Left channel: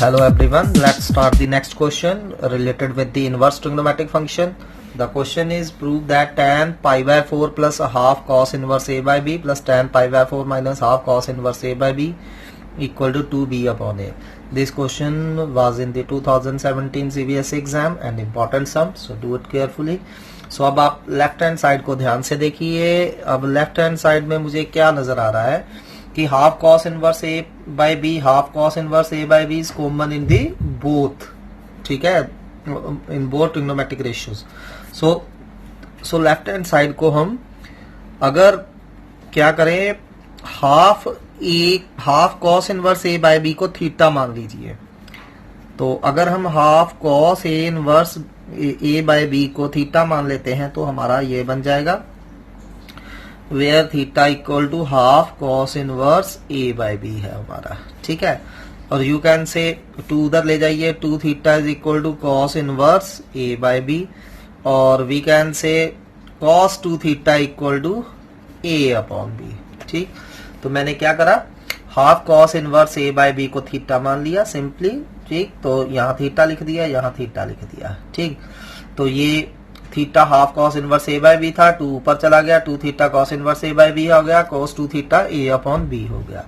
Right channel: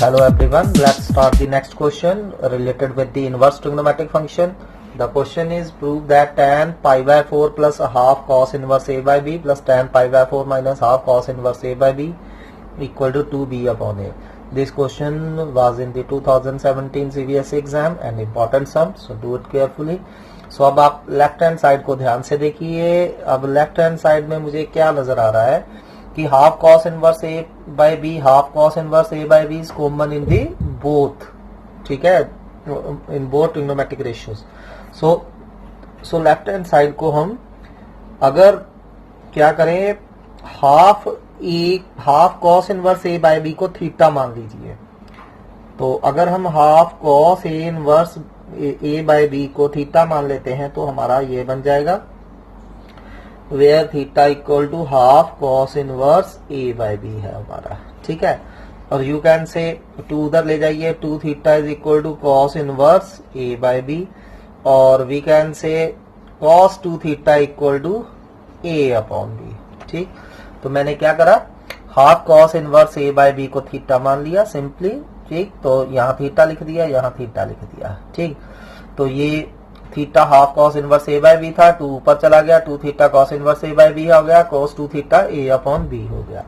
Hello everyone, let's start the next question related with the inverse trigonometric function. The question is prove that tan pi by 4 plus a half cos inverse a by b plus tan pi by 4 minus half cos inverse a by b equal to 2b upon a. This question was in the 2017 CBSE exam and important sum, so do it carefully. So अब आप left hand side को ध्यान से देखिए. अब left hand side में मुझे क्या नजर आ रहा है कि half cos inverse A by B, half cos inverse A by B is common in the both. ठीक है, in both trigonometric ratios. So left hand side को हम अगर क्या करें, half cos inverse A by B को theta मान लीजिए. तो अगर हम half cos A inverse A by B को थीटा मान लेते हैं तो हमारा ये बन जाएगा where theta equal to half cos inverse A by B है हमारा. ठीक है, और यू कैन से 2 उधर ले जाइए, 2 theta is equal to cos inverse A by B, और we can say cos 2 theta equal to A upon B. ठीक, तो मैंने क्या करा, half cos inverse A by B को थीटा मान लिया सिंपली. ठीक, तो यहाँ थीटा लिख दिया, यहाँ थीटा लिख दिया. ठीक, तो ये theta half cos inverse A by B था, 2 ऊपर चला गया, 2 theta cos inverse A by B हो गया, कॉस 2 थीटा ए अपॉन बी हो गया.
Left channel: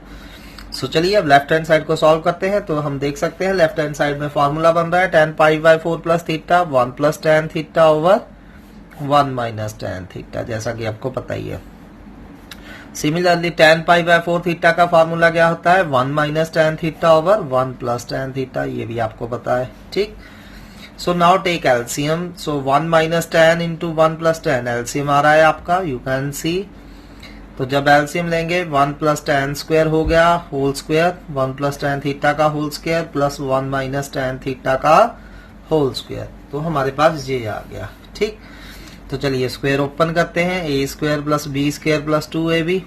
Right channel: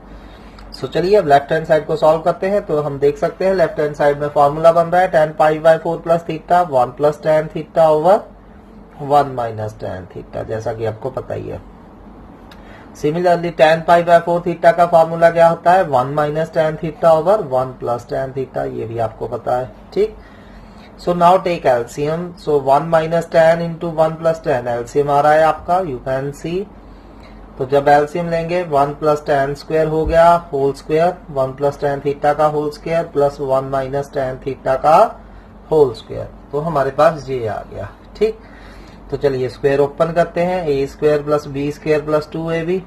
सो चलिए अब लेफ्ट हैंड साइड को सॉल्व करते हैं. तो हम देख सकते हैं लेफ्ट हैंड साइड में फॉर्मूला बन रहा है tan pi by 4 plus theta 1 plus tan theta over 1 minus tan theta, जैसा कि आपको पता ही है. Similarly tan pi by 4 theta का फॉर्मूला क्या होता है, 1 minus tan theta over 1 plus tan theta, ये भी आपको पता है. ठीक, so now take LCM. So 1 minus tan into 1 plus tan, LCM आ रहा है आपका, यू कैन सी. तो जब एलसीएम लेंगे 1 प्लस tan स्क्वायर हो गया whole square, 1 plus tan theta का whole square plus 1 minus tan theta का होल स्क्वायर, तो हमारे पास ये आ गया. ठीक, तो चलिए स्क्वायर ओपन करते हैं, A square plus B square plus 2ab.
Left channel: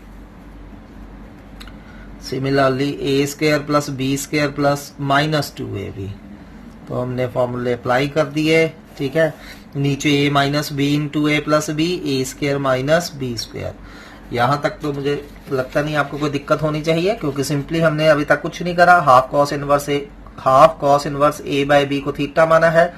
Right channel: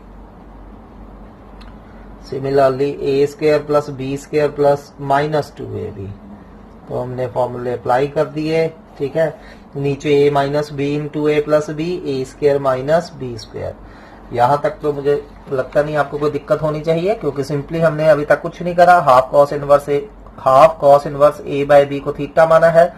Similarly A square plus B square plus minus 2ab. तो हमने फॉर्मूले अप्लाई कर दिए. ठीक है, नीचे a minus B into A plus B, A square minus B square. यहाँ तक तो मुझे लगता नहीं आपको कोई दिक्कत होनी चाहिए, क्योंकि सिंपली हमने अभी तक कुछ नहीं करा. Half cos inverse A by B को थीटा माना है,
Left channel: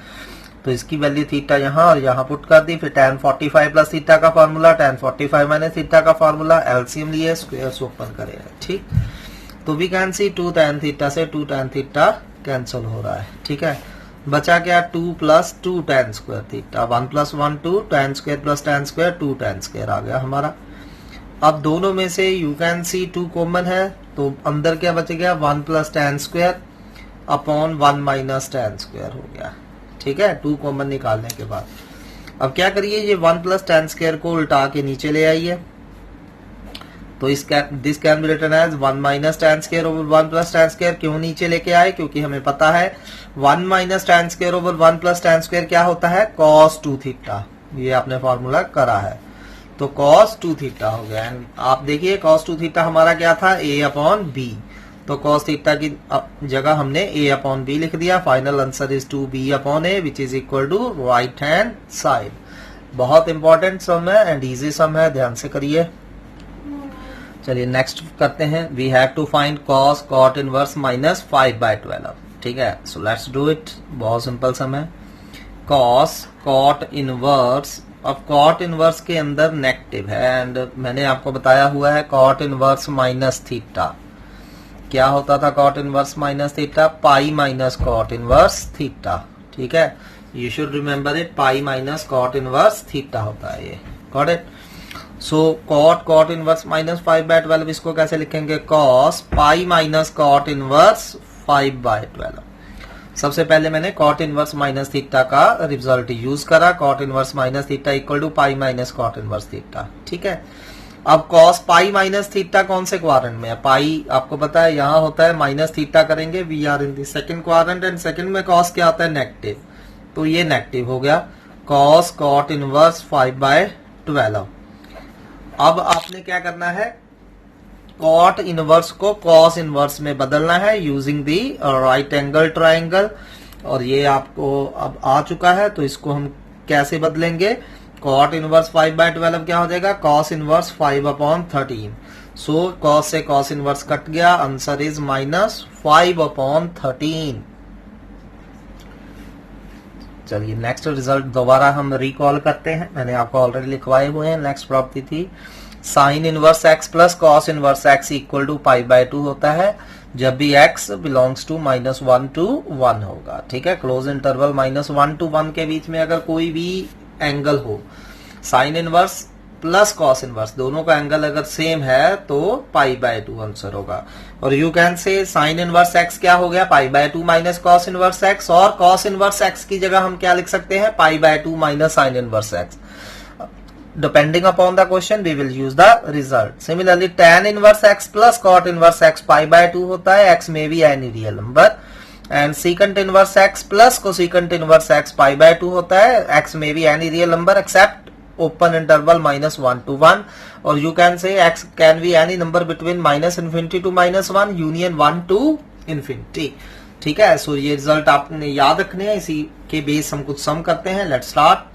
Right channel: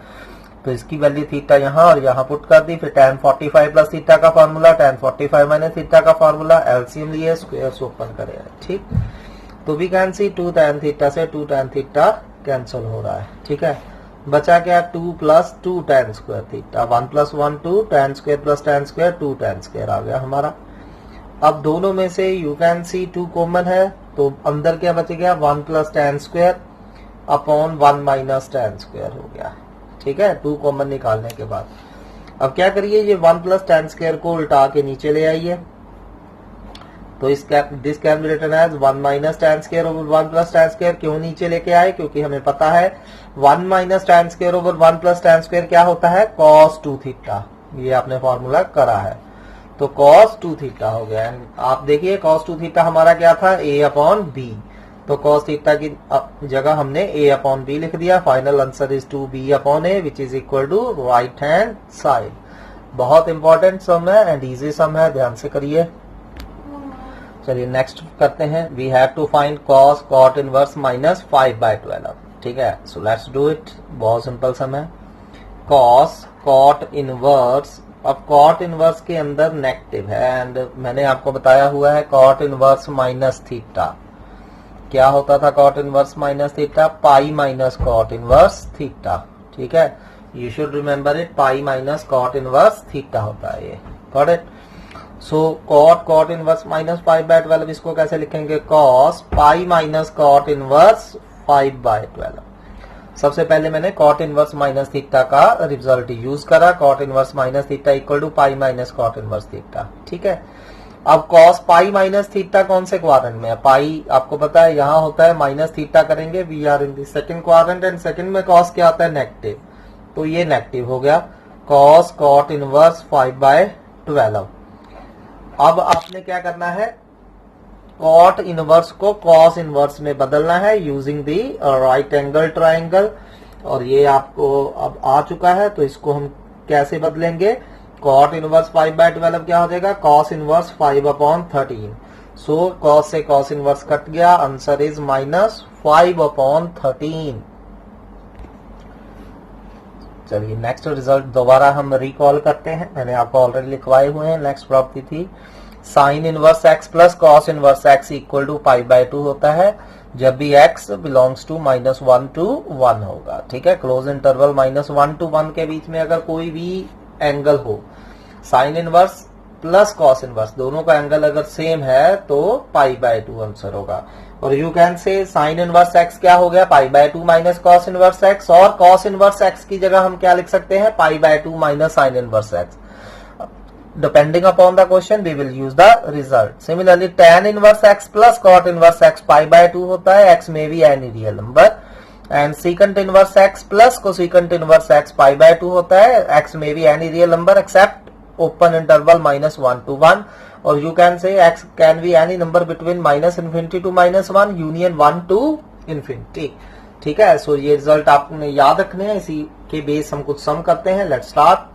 तो इसकी वैल्यू थीटा यहाँ और यहाँ पुट कर दी. फिर tan 45 प्लस थीटा का फॉर्मूला, tan 45 माइनस थीटा का फॉर्मूला, एलसीएम लिए, स्क्वायर ओपन करेगा. ठीक, तो we can see 2 tan theta से 2 tan थीटा कैंसिल हो रहा है. ठीक है, बचा क्या 2 plus 2 tan square theta, 1 plus 1 2 tan square plus tan square 2 tan square आ गया हमारा. अब दोनों में से यू कैन सी 2 कॉमन है, तो अंदर क्या बच गया 1 plus tan square upon 1 minus tan square हो गया. ठीक है, 2 कॉमन निकालने के बाद अब क्या करिए, ये 1 प्लस tan स्क्वायर को उल्टा के नीचे ले आइए. तो this can be written as 1 minus tan square over 1 plus tan square. क्यों नीचे लेके आए, क्योंकि हमें पता है 1 minus tan square over 1 plus tan square क्या होता है, cos 2 थीटा. ये आपने फॉर्मूला करा है, तो cos 2 थीटा हो गया. आप देखिए cos 2 थीटा हमारा क्या था, a अपॉन बी. तो cos थीटा की जगह हमने a अपॉन बी लिख दिया. Final answer is 2b upon a which is equal to right hand side. बहुत इंपॉर्टेंट सम है एंड इजी सम है, ध्यान से करिए. चलिए नेक्स्ट करते हैं. We have to find cos cot inverse minus 5/12. ठीक है, सो लेट्स डू इट. बहुत सिंपल सम है. cos cot इनवर्स, अब cot इनवर्स के अंदर नेगेटिव है एंड मैंने आपको बताया हुआ है cot इनवर्स माइनस थीटा. क्या होता था cot inverse minus theta, pi minus cot inverse theta. ठीक है, you should remember it, pi minus cot inverse theta होता है ये. Got it. So cot inverse minus 5/12, इसको कैसे लिखेंगे, cos pi minus cot inverse 5/12. सबसे पहले मैंने cot इनवर्स माइनस थीटा का रिजल्ट यूज करा. cot inverse minus theta equal to pi minus cot inverse theta. ठीक है, अब cos पाई माइनस थीटा कौन से क्वाड्रेंट में है, पाई आपको पता है यहाँ होता है, माइनस थीटा करेंगे, we are in the second quadrant and second में cos क्या आता है, नेगेटिव. तो ये नेगेटिव हो गया, cos cot इनवर्स 5/12. अब आपने क्या करना है, cot इनवर्स को cos इनवर्स में बदलना है using the right angle triangle. और ये आपको अब आ चुका है, तो इसको हम कैसे बदलेंगे, cot इनवर्स 5/12 क्या हो जाएगा, cos इनवर्स 5/13. सो cos से cos इनवर्स कट गया, आंसर इज -5/13. चलिए नेक्स्ट रिजल्ट दोबारा हम रिकॉल करते हैं, मैंने आपको ऑलरेडी लिखवाए हुए हैं। नेक्स्ट प्रॉपर्टी थी sine inverse x plus cos inverse X equal to pi by 2 होता है जब भी x बिलोंग्स टू -1 to 1 होगा। ठीक है, क्लोज इंटरवल -1 to 1 के बीच में अगर कोई भी एंगल हो, sine inverse plus cos inverse दोनों का एंगल अगर सेम है तो पाई बाय 2 आंसर होगा। और you can say sine inverse x क्या हो गया, pi by 2 minus cos inverse x, और कॉस इनवर्स एक्स की जगह हम क्या लिख सकते हैं, pi by 2 minus sine inverse x. Depending upon the question, we will use the result. Similarly, tan inverse x plus cot inverse x pi by 2 होता है, x may be any real number, and secant inverse x plus cosecant inverse x pi by 2 होता है, x may be any real number except open interval -1 to 1, और you can say x can be any number between -infinity to -1 union 1 to infinity। ठीक है, सो ये result आपने याद रखने हैं, इसी के बेस हम कुछ सम करते हैं। Let's start.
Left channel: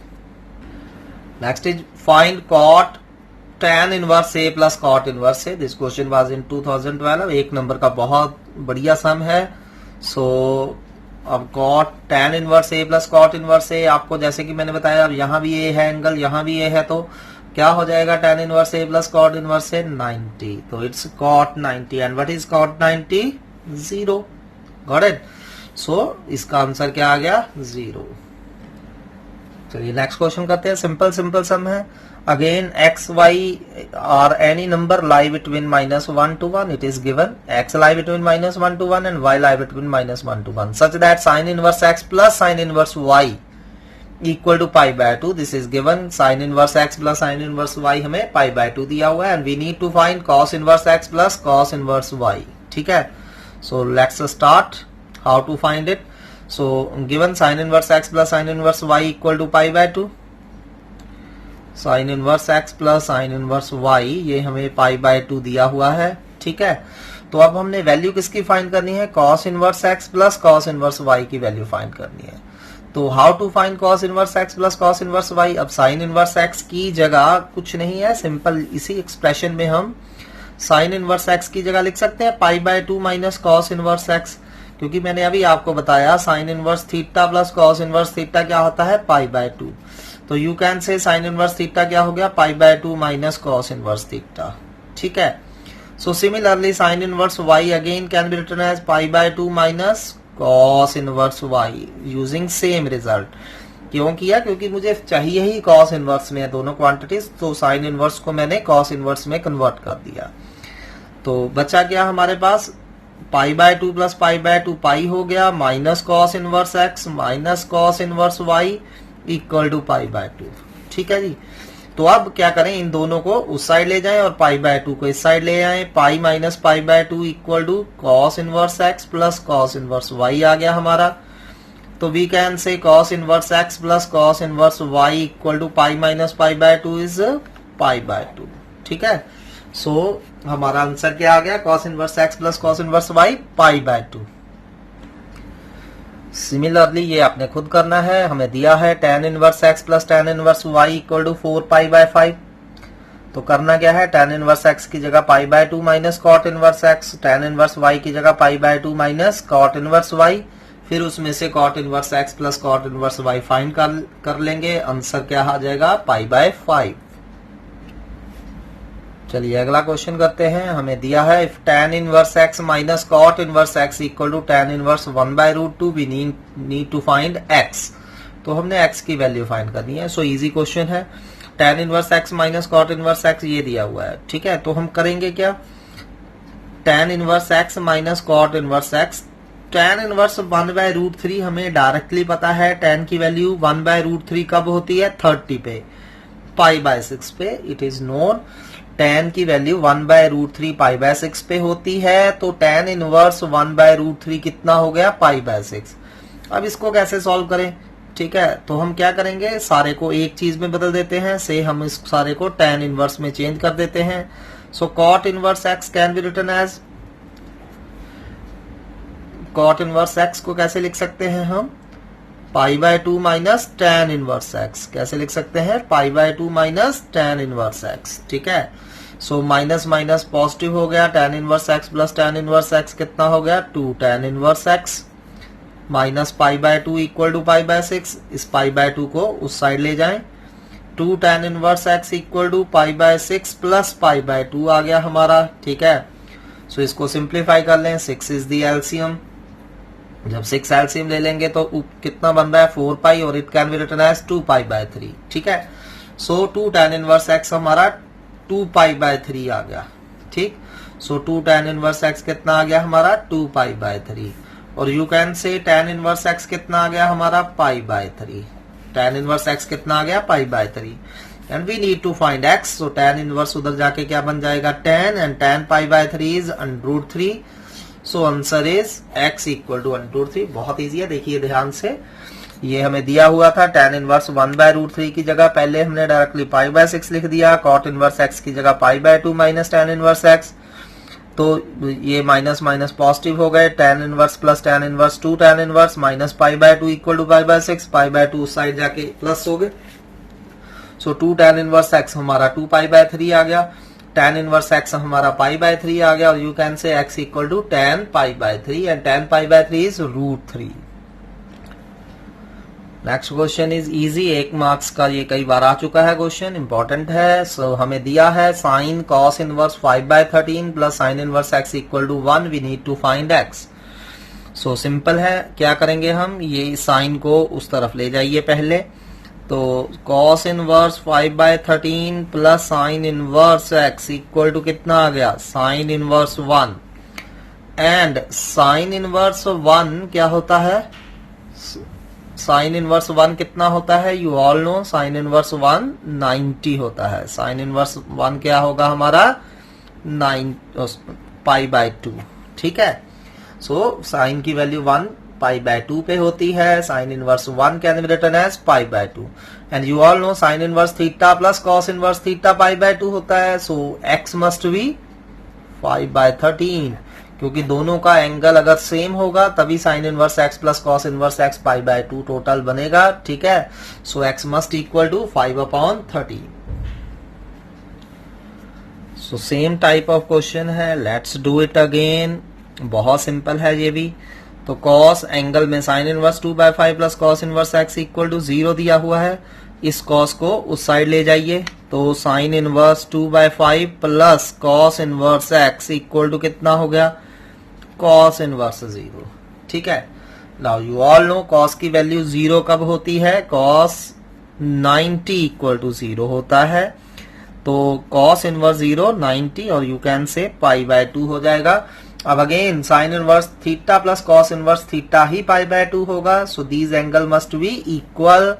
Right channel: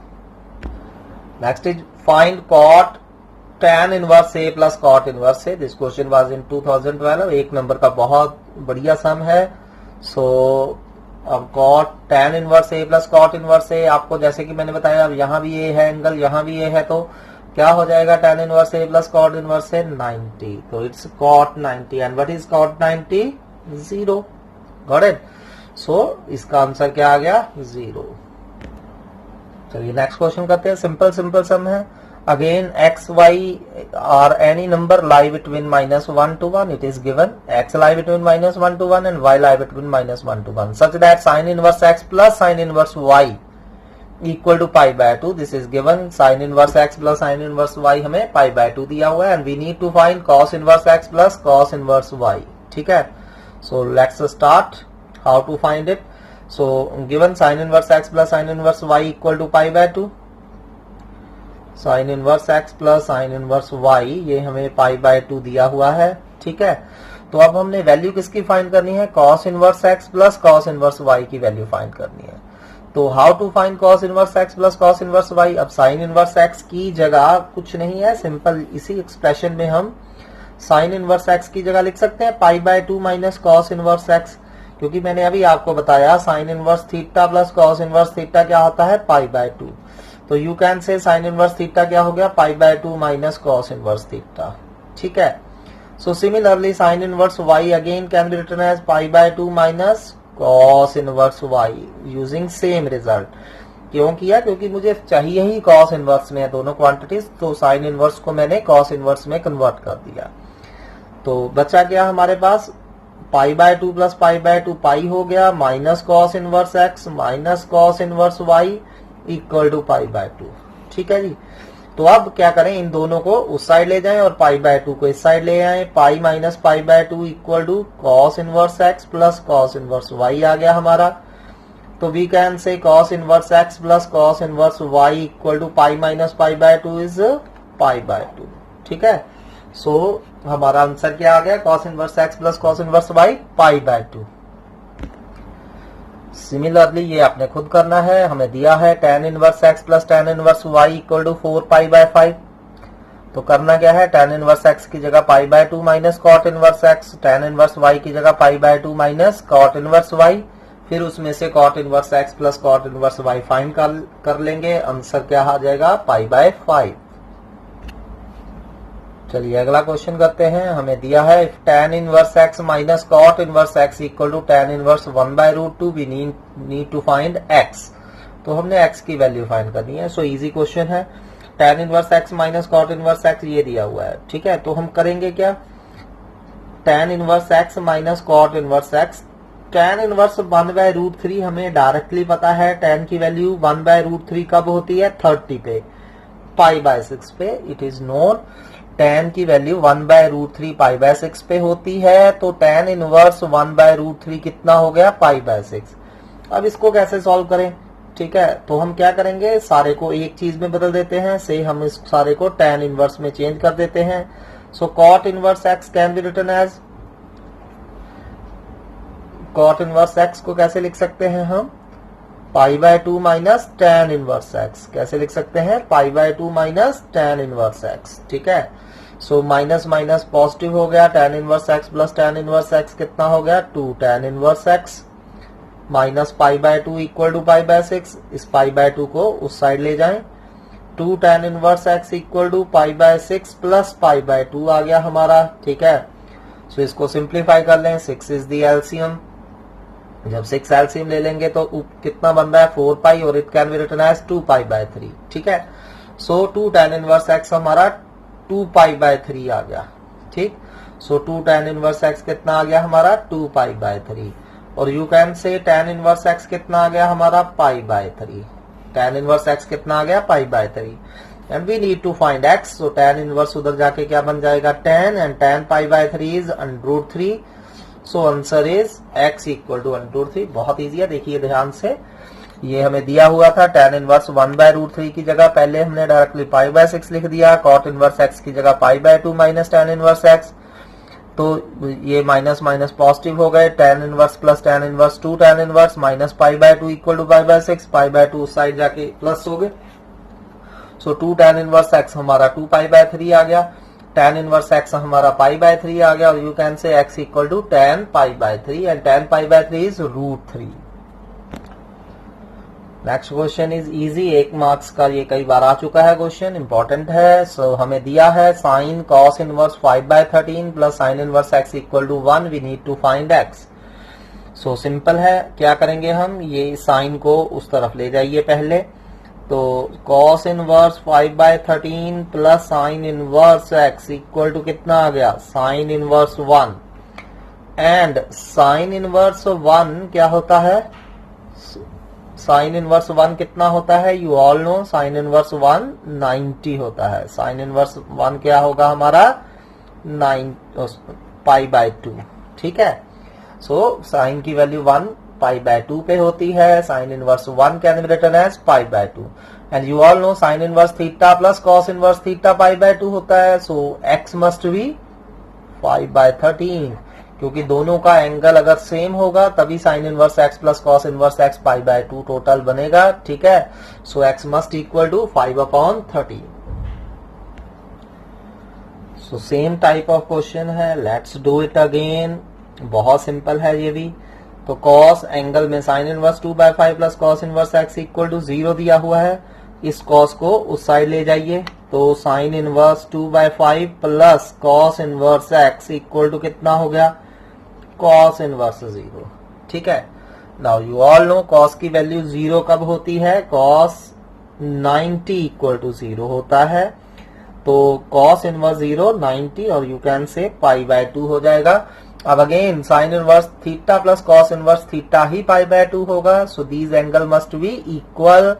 Next is find cot tan inverse a plus cot inverse a. This question was in 2012, एक नंबर का बहुत बढ़िया सम है। सो अब cot tan inverse a plus cot inverse a, आपको जैसे कि मैंने बताया अब यहाँ भी a है एंगल, यहाँ भी a है, तो क्या हो जाएगा tan inverse a plus cot inverse a 90, तो it's cot 90 and what is cot 90? 0। Got it? So इसका आंसर क्या आ गया, 0। चलिए नेक्स्ट क्वेश्चन करते हैं, सिंपल सम है। अगेन एक्स वाई और any number lie between -1 to 1, it is given X lie between -1 to 1 and Y lie between -1 to 1 such that sine inverse x plus sine inverse Y equal to pi by 2, this is given. Sine inverse x plus sine inverse Y हमें pi by 2 दिया हुआ है, and we need to find cos inverse x plus cos inverse Y. ठीक है, so let's start how to find it. So given sin inverse x plus sin inverse y equal to pi by 2, sin inverse x plus sin inverse y ये हमें pi by 2 दिया हुआ है। ठीक है, तो अब हमने वैल्यू किसकी फाइंड करनी है, cos inverse x plus cos inverse y की वैल्यू फाइंड करनी है। तो how to find cos inverse x plus cos inverse y, अब sin inverse x की जगह कुछ नहीं है, सिंपल इसी एक्सप्रेशन में हम sin inverse x की जगह लिख सकते हैं pi by 2 minus cos inverse x, क्योंकि मैंने अभी आपको बताया sine inverse theta plus cos inverse theta क्या होता है, पाई बाय 2। तो you can say sine inverse theta क्या हो गया, pi by 2 minus cos inverse theta. ठीक है, so similarly sine inverse Y again can be written as pi by 2 minus cos inverse Y using same result. क्यों किया, क्योंकि मुझे चाहिए ही कॉस इनवर्स में दोनों क्वांटिटीज, तो साइन इनवर्स को मैंने कॉस इनवर्स में कन्वर्ट कर दिया। तो बचा क्या हमारे पास, pi by 2 plus pi by 2 pi हो गया, minus cos inverse x minus cos inverse Y equal to pi by 2। ठीक है जी, तो अब क्या करें, इन दोनों को उस साइड ले जाएं और पाई बाय 2 को इस साइड ले आए। Pi minus pi by 2 equal to cos inverse x plus cos inverse y आ गया हमारा। तो we can say cos inverse x plus cos inverse Y equal to pi minus pi by 2 is pi by 2। ठीक है, सो हमारा answer क्या आ गया, cos inverse x plus cos inverse y pi by 2। Similarly ये आपने खुद करना है, हमें दिया है tan inverse x plus tan inverse y equal to 4 pi by 5। तो करना क्या है, tan इनवर्स x की जगह pi by 2 minus cot inverse x, tan inverse y की जगह pi by 2 minus cot inverse y, फिर उसमें से cot inverse x plus cot inverse y find कर लेंगे। आंसर क्या आ जाएगा, पाई बाय 5। चलिए अगला क्वेश्चन करते हैं, हमें दिया है if tan inverse x minus cot inverse x equal to tan inverse 1 by root 2 we need to find x। तो हमने x की वैल्यू फाइंड करनी है। सो इजी क्वेश्चन है, tan inverse x minus cot inverse x ये दिया हुआ है। ठीक है, तो हम करेंगे क्या, tan inverse x minus cot inverse x, tan inverse 1 by root 3 हमें डायरेक्टली पता है, tan की वैल्यू 1 बाय रूट 3 कब होती है, 30 पे, पाई बाय 6 पे। इट इज नोन tan की value 1 by root 3 pi by 6 पे होती है, तो tan इनवर्स 1 बाय रूट 3 कितना हो गया, पाई बाय 6। अब इसको कैसे सॉल्व करें, ठीक है, तो हम क्या करेंगे, सारे को एक चीज में बदल देते हैं, से हम इस सारे को tan इनवर्स में चेंज कर देते हैं। So cot inverse x can be written as, cot inverse x को कैसे लिख सकते हैं हम, pi by 2 minus tan inverse x, कैसे लिख सकते हैं, pi by 2 minus tan inverse x। ठीक है, सो माइनस माइनस पॉजिटिव हो गया, tan inverse x plus tan inverse x कितना हो गया, 2 tan inverse x minus pi by two equal to pi by 6, इस पाई बाय टू को उस साइड ले जाएं, 2 tan inverse x equal to pi by 6 plus pi by 2 आ गया हमारा, ठीक है। सो इसको सिंप्लीफाई कर लें, 6 इज द एलसीएम, जब 6 एलसीएम ले लेंगे तो कितना बन रहा है 4 पाई और it can be written as 2 pi by 3, ठीक है। सो 2 tan इनवर्स x हमारा 2 पाई बाय 3 आ गया, ठीक। सो 2 tan इनवर्स x कितना आ गया हमारा 2 पाई बाय 3, और you can say tan inverse x कितना आ गया हमारा pi by 3, tan inverse x कितना आ गया pi by 3, and we need to find x, so tan inverse उधर जाके क्या बन जाएगा tan, and tan pi by 3 is √3, so answer is x equal to √3। बहुत इजी है, देखिए ध्यान से, ये हमें दिया हुआ था tan इनवर्स 1 बाय √3 की जगह पहले हमने डायरेक्टली पाई बाय 6 लिख दिया, cot इनवर्स x की जगह pi by 2 minus tan inverse x, तो ये माइनस माइनस पॉजिटिव हो गए, tan inverse plus tan inverse 2 tan inverse minus pi by 2 equal to pi by 6, pi by 2 उस side जाके प्लस हो गए, सो 2 tan इनवर्स x हमारा 2 पाई बाय 3 आ गया, tan इनवर्स x हमारा पाई बाय 3 आ गया, और you can say x equal to tan pi by 3, and tan pi by 3 is √3। Next question is easy, 1 marks का ये कई बार आ चुका है क्वेश्चन, इंपॉर्टेंट है। सो हमें दिया है sine cos inverse 5 by 13 plus sine inverse x equal to 1, we need to find x। So simple है, क्या करेंगे हम, ये साइन को उस तरफ ले जाइए पहले, तो cos inverse 5 by 13 plus sine inverse x equal to कितना आ गया sine inverse 1, and sine inverse 1 क्या होता है, साइन इनवर्स 1 कितना होता है, you all know sine inverse 1 90 होता है, साइन इनवर्स 1 क्या होगा हमारा 9 पाई बाय 2, ठीक है। सो साइन की वैल्यू 1 पाई बाय 2 पे होती है, sine inverse 1 can be written as pi by 2, and you all know sine inverse theta plus cos inverse theta pi by 2 होता है, so x must be 5 by 13, क्योंकि दोनों का angle अगर सेम होगा तभी sine inverse x plus cos inverse x pi by 2 total बनेगा, ठीक है। So x must equal to 5/13। So same type of question है, लेट्स डू इट अगेन, बहुत सिंपल है ये भी। तो कॉस एंगल में sine inverse 2/5 plus cos inverse x equal to 0 दिया हुआ है, इस कॉस को उस साइड ले जाइए, तो sine inverse 2/5 plus cos inverse x equal to कितना हो गया कॉस इनवर्स 0, ठीक है। Now you all know cos की वैल्यू 0 कब होती है, कॉस 90 इक्वल टू 0 होता है, तो कॉस इनवर्स 0 90, और यू कैन से पाई बाय 2 हो जाएगा। अब again sine inverse theta plus cos inverse theta ही पाई बाय 2 होगा, so these angle must be equal,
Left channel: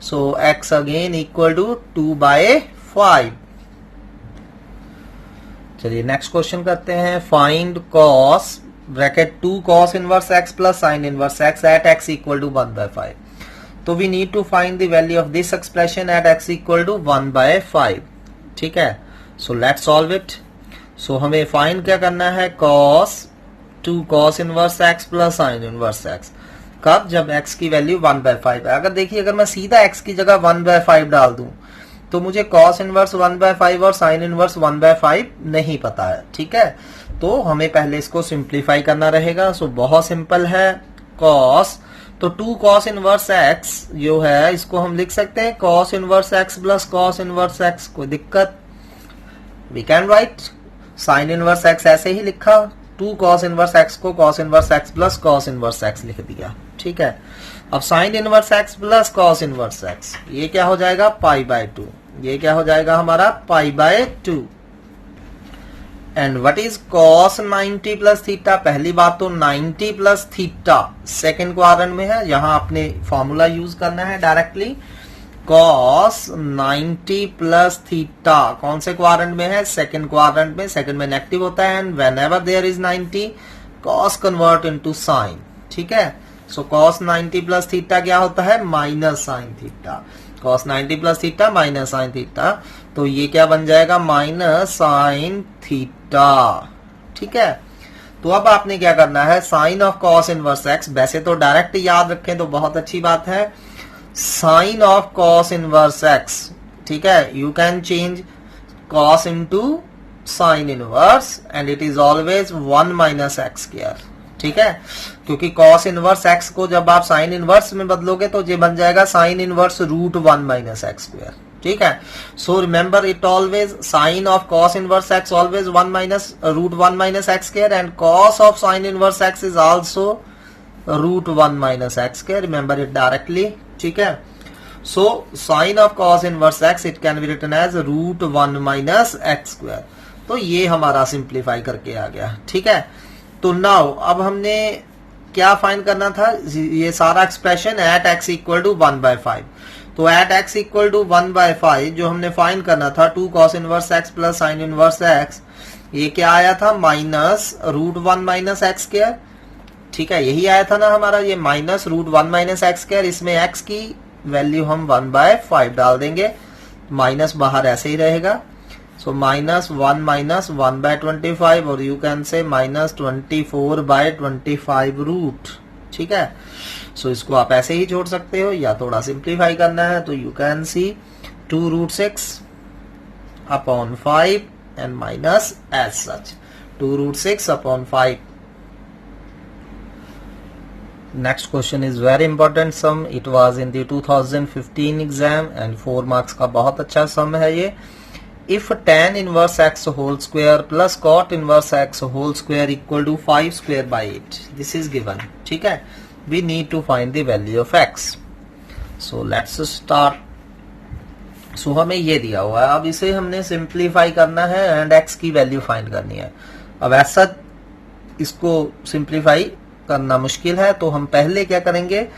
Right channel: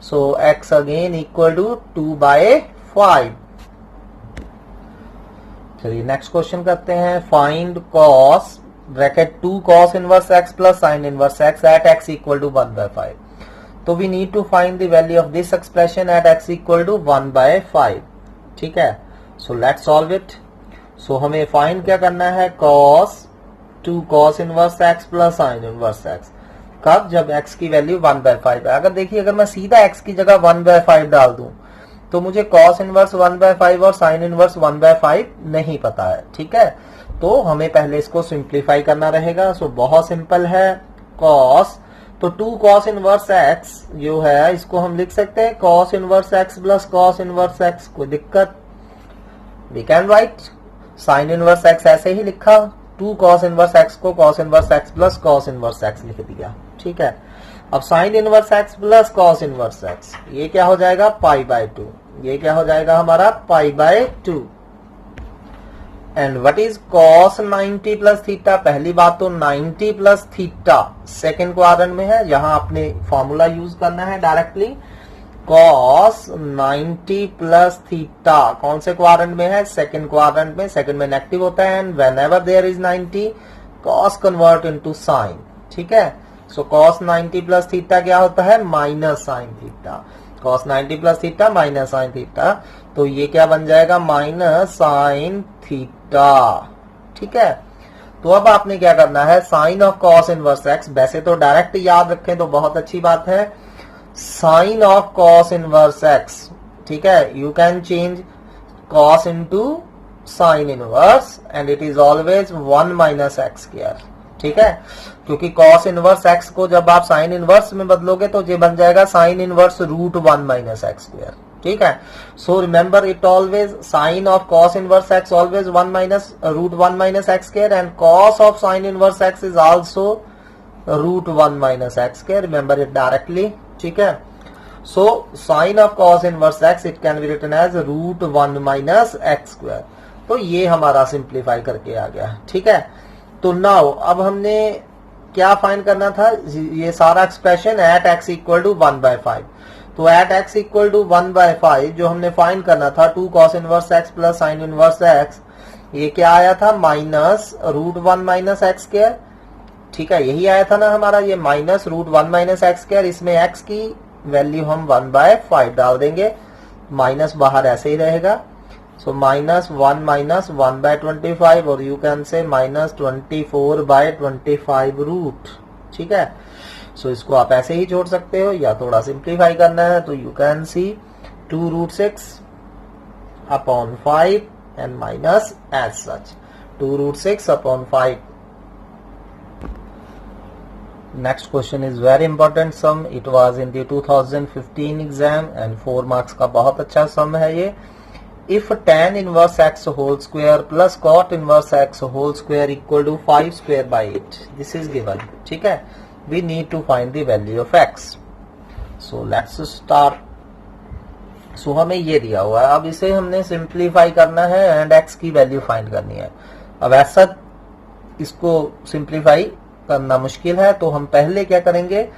so x again equal to 2/5। चलिए नेक्स्ट क्वेश्चन करते हैं, find cos bracket 2 cos inverse x plus sine inverse x at x equal to 1/5, तो we need to find the value of this expression at x equal to 1/5, ठीक है। So let's solve it. सो हमें find क्या करना है,2 cos inverse x plus sine inverse x, कब, जब x की value 1/5 है। अगर देखिए अगर मैं सीधा x की जगह 1/5 डाल दूं तो मुझे cos इनवर्स 1/5 और साइन इनवर्स 1/5 नहीं पता है, ठीक है। तो हमें पहले इसको सिंप्लीफाई करना रहेगा, सो बहुत सिंपल है, cos, तो 2 cos इनवर्स x जो है इसको हम लिख सकते हैं cos inverse x plus cos inverse x, कोई दिक्कत, we can write sine inverse x ऐसे ही लिखा, 2 cos इनवर्स x को cos inverse x plus cos inverse x लिख दिया, ठीक है। अब sine inverse x plus cos inverse x, ये क्या हो जाएगा पाई बाय 2, ये क्या हो जाएगा हमारा pi by 2, and what is cos 90 plus theta, पहली बात तो 90 प्लस थीटा सेकेंड क्वाड्रेंट में है, यहां आपने फॉर्मूला यूज करना है डायरेक्टली, cos 90 प्लस थीटा कौन से क्वाड्रेंट में है, सेकेंड क्वाड्रेंट में, सेकेंड में नेगेटिव होता है, and whenever there is 90 cos convert into sine, ठीक है। सो cos 90 प्लस थीटा क्या होता है minus sine theta, cos 90 plus theta minus sine theta, तो ये क्या बन जाएगा माइनस साइन थीटा, ठीक है। तो अब आपने क्या करना है, sine of cos inverse x, वैसे तो डायरेक्ट याद रखें तो बहुत अच्छी बात है, sine of cos inverse x, ठीक है, you can change cos into sine inverse, and it is always 1 minus x square, ठीक है, क्योंकि कॉस इनवर्स एक्स को जब आप साइन इनवर्स में बदलोगे तो ये बन जाएगा sine inverse root 1 minus x square. ठीक है, so remember it always sine of cos inverse x always 1 minus root 1 minus x square and cos of sine inverse x is also root 1 minus x square, remember it directly. ठीक है, so sine of cos inverse x it can be written as root 1 minus x square. तो ये हमारा simplify करके आ गया। ठीक है, तो नाउ अब हमने क्या फाइंड करना था, ये सारा expression at x equal to 1/5। तो एट एक्स इक्वल टू 1/5 जो हमने फाइंड करना था 2 cos inverse x plus sine inverse x, ये क्या आया था minus root 1 minus x square. ठीक है, यही आया था ना हमारा, ये minus root 1 minus x square, इसमें एक्स की वैल्यू हम 1/5 डाल देंगे, माइनस बाहर ऐसे ही रहेगा। सो माइनस 1 माइनस 1/25 और you can say minus 24/25 root. ठीक है, सो इसको आप ऐसे ही छोड़ सकते हो या थोड़ा सिंप्लीफाई करना है तो you can see 2 root 6 upon 5 and minus as such 2 root 6 upon 5। Next question is very important sum, it was in the 2015 exam and 4 marks का बहुत अच्छा सम है ये। If tan inverse x whole square plus cot inverse x whole square equal to 5 square by 8, this is given. ठीक है, we need to find the value of x। So let's start. So हमें ये दिया हुआ है, अब इसे हमने सिंप्लीफाई करना है एंड x की वैल्यू फाइंड करनी है। अब ऐसा इसको सिंप्लीफाई करना मुश्किल है तो हम पहले क्या करेंगे,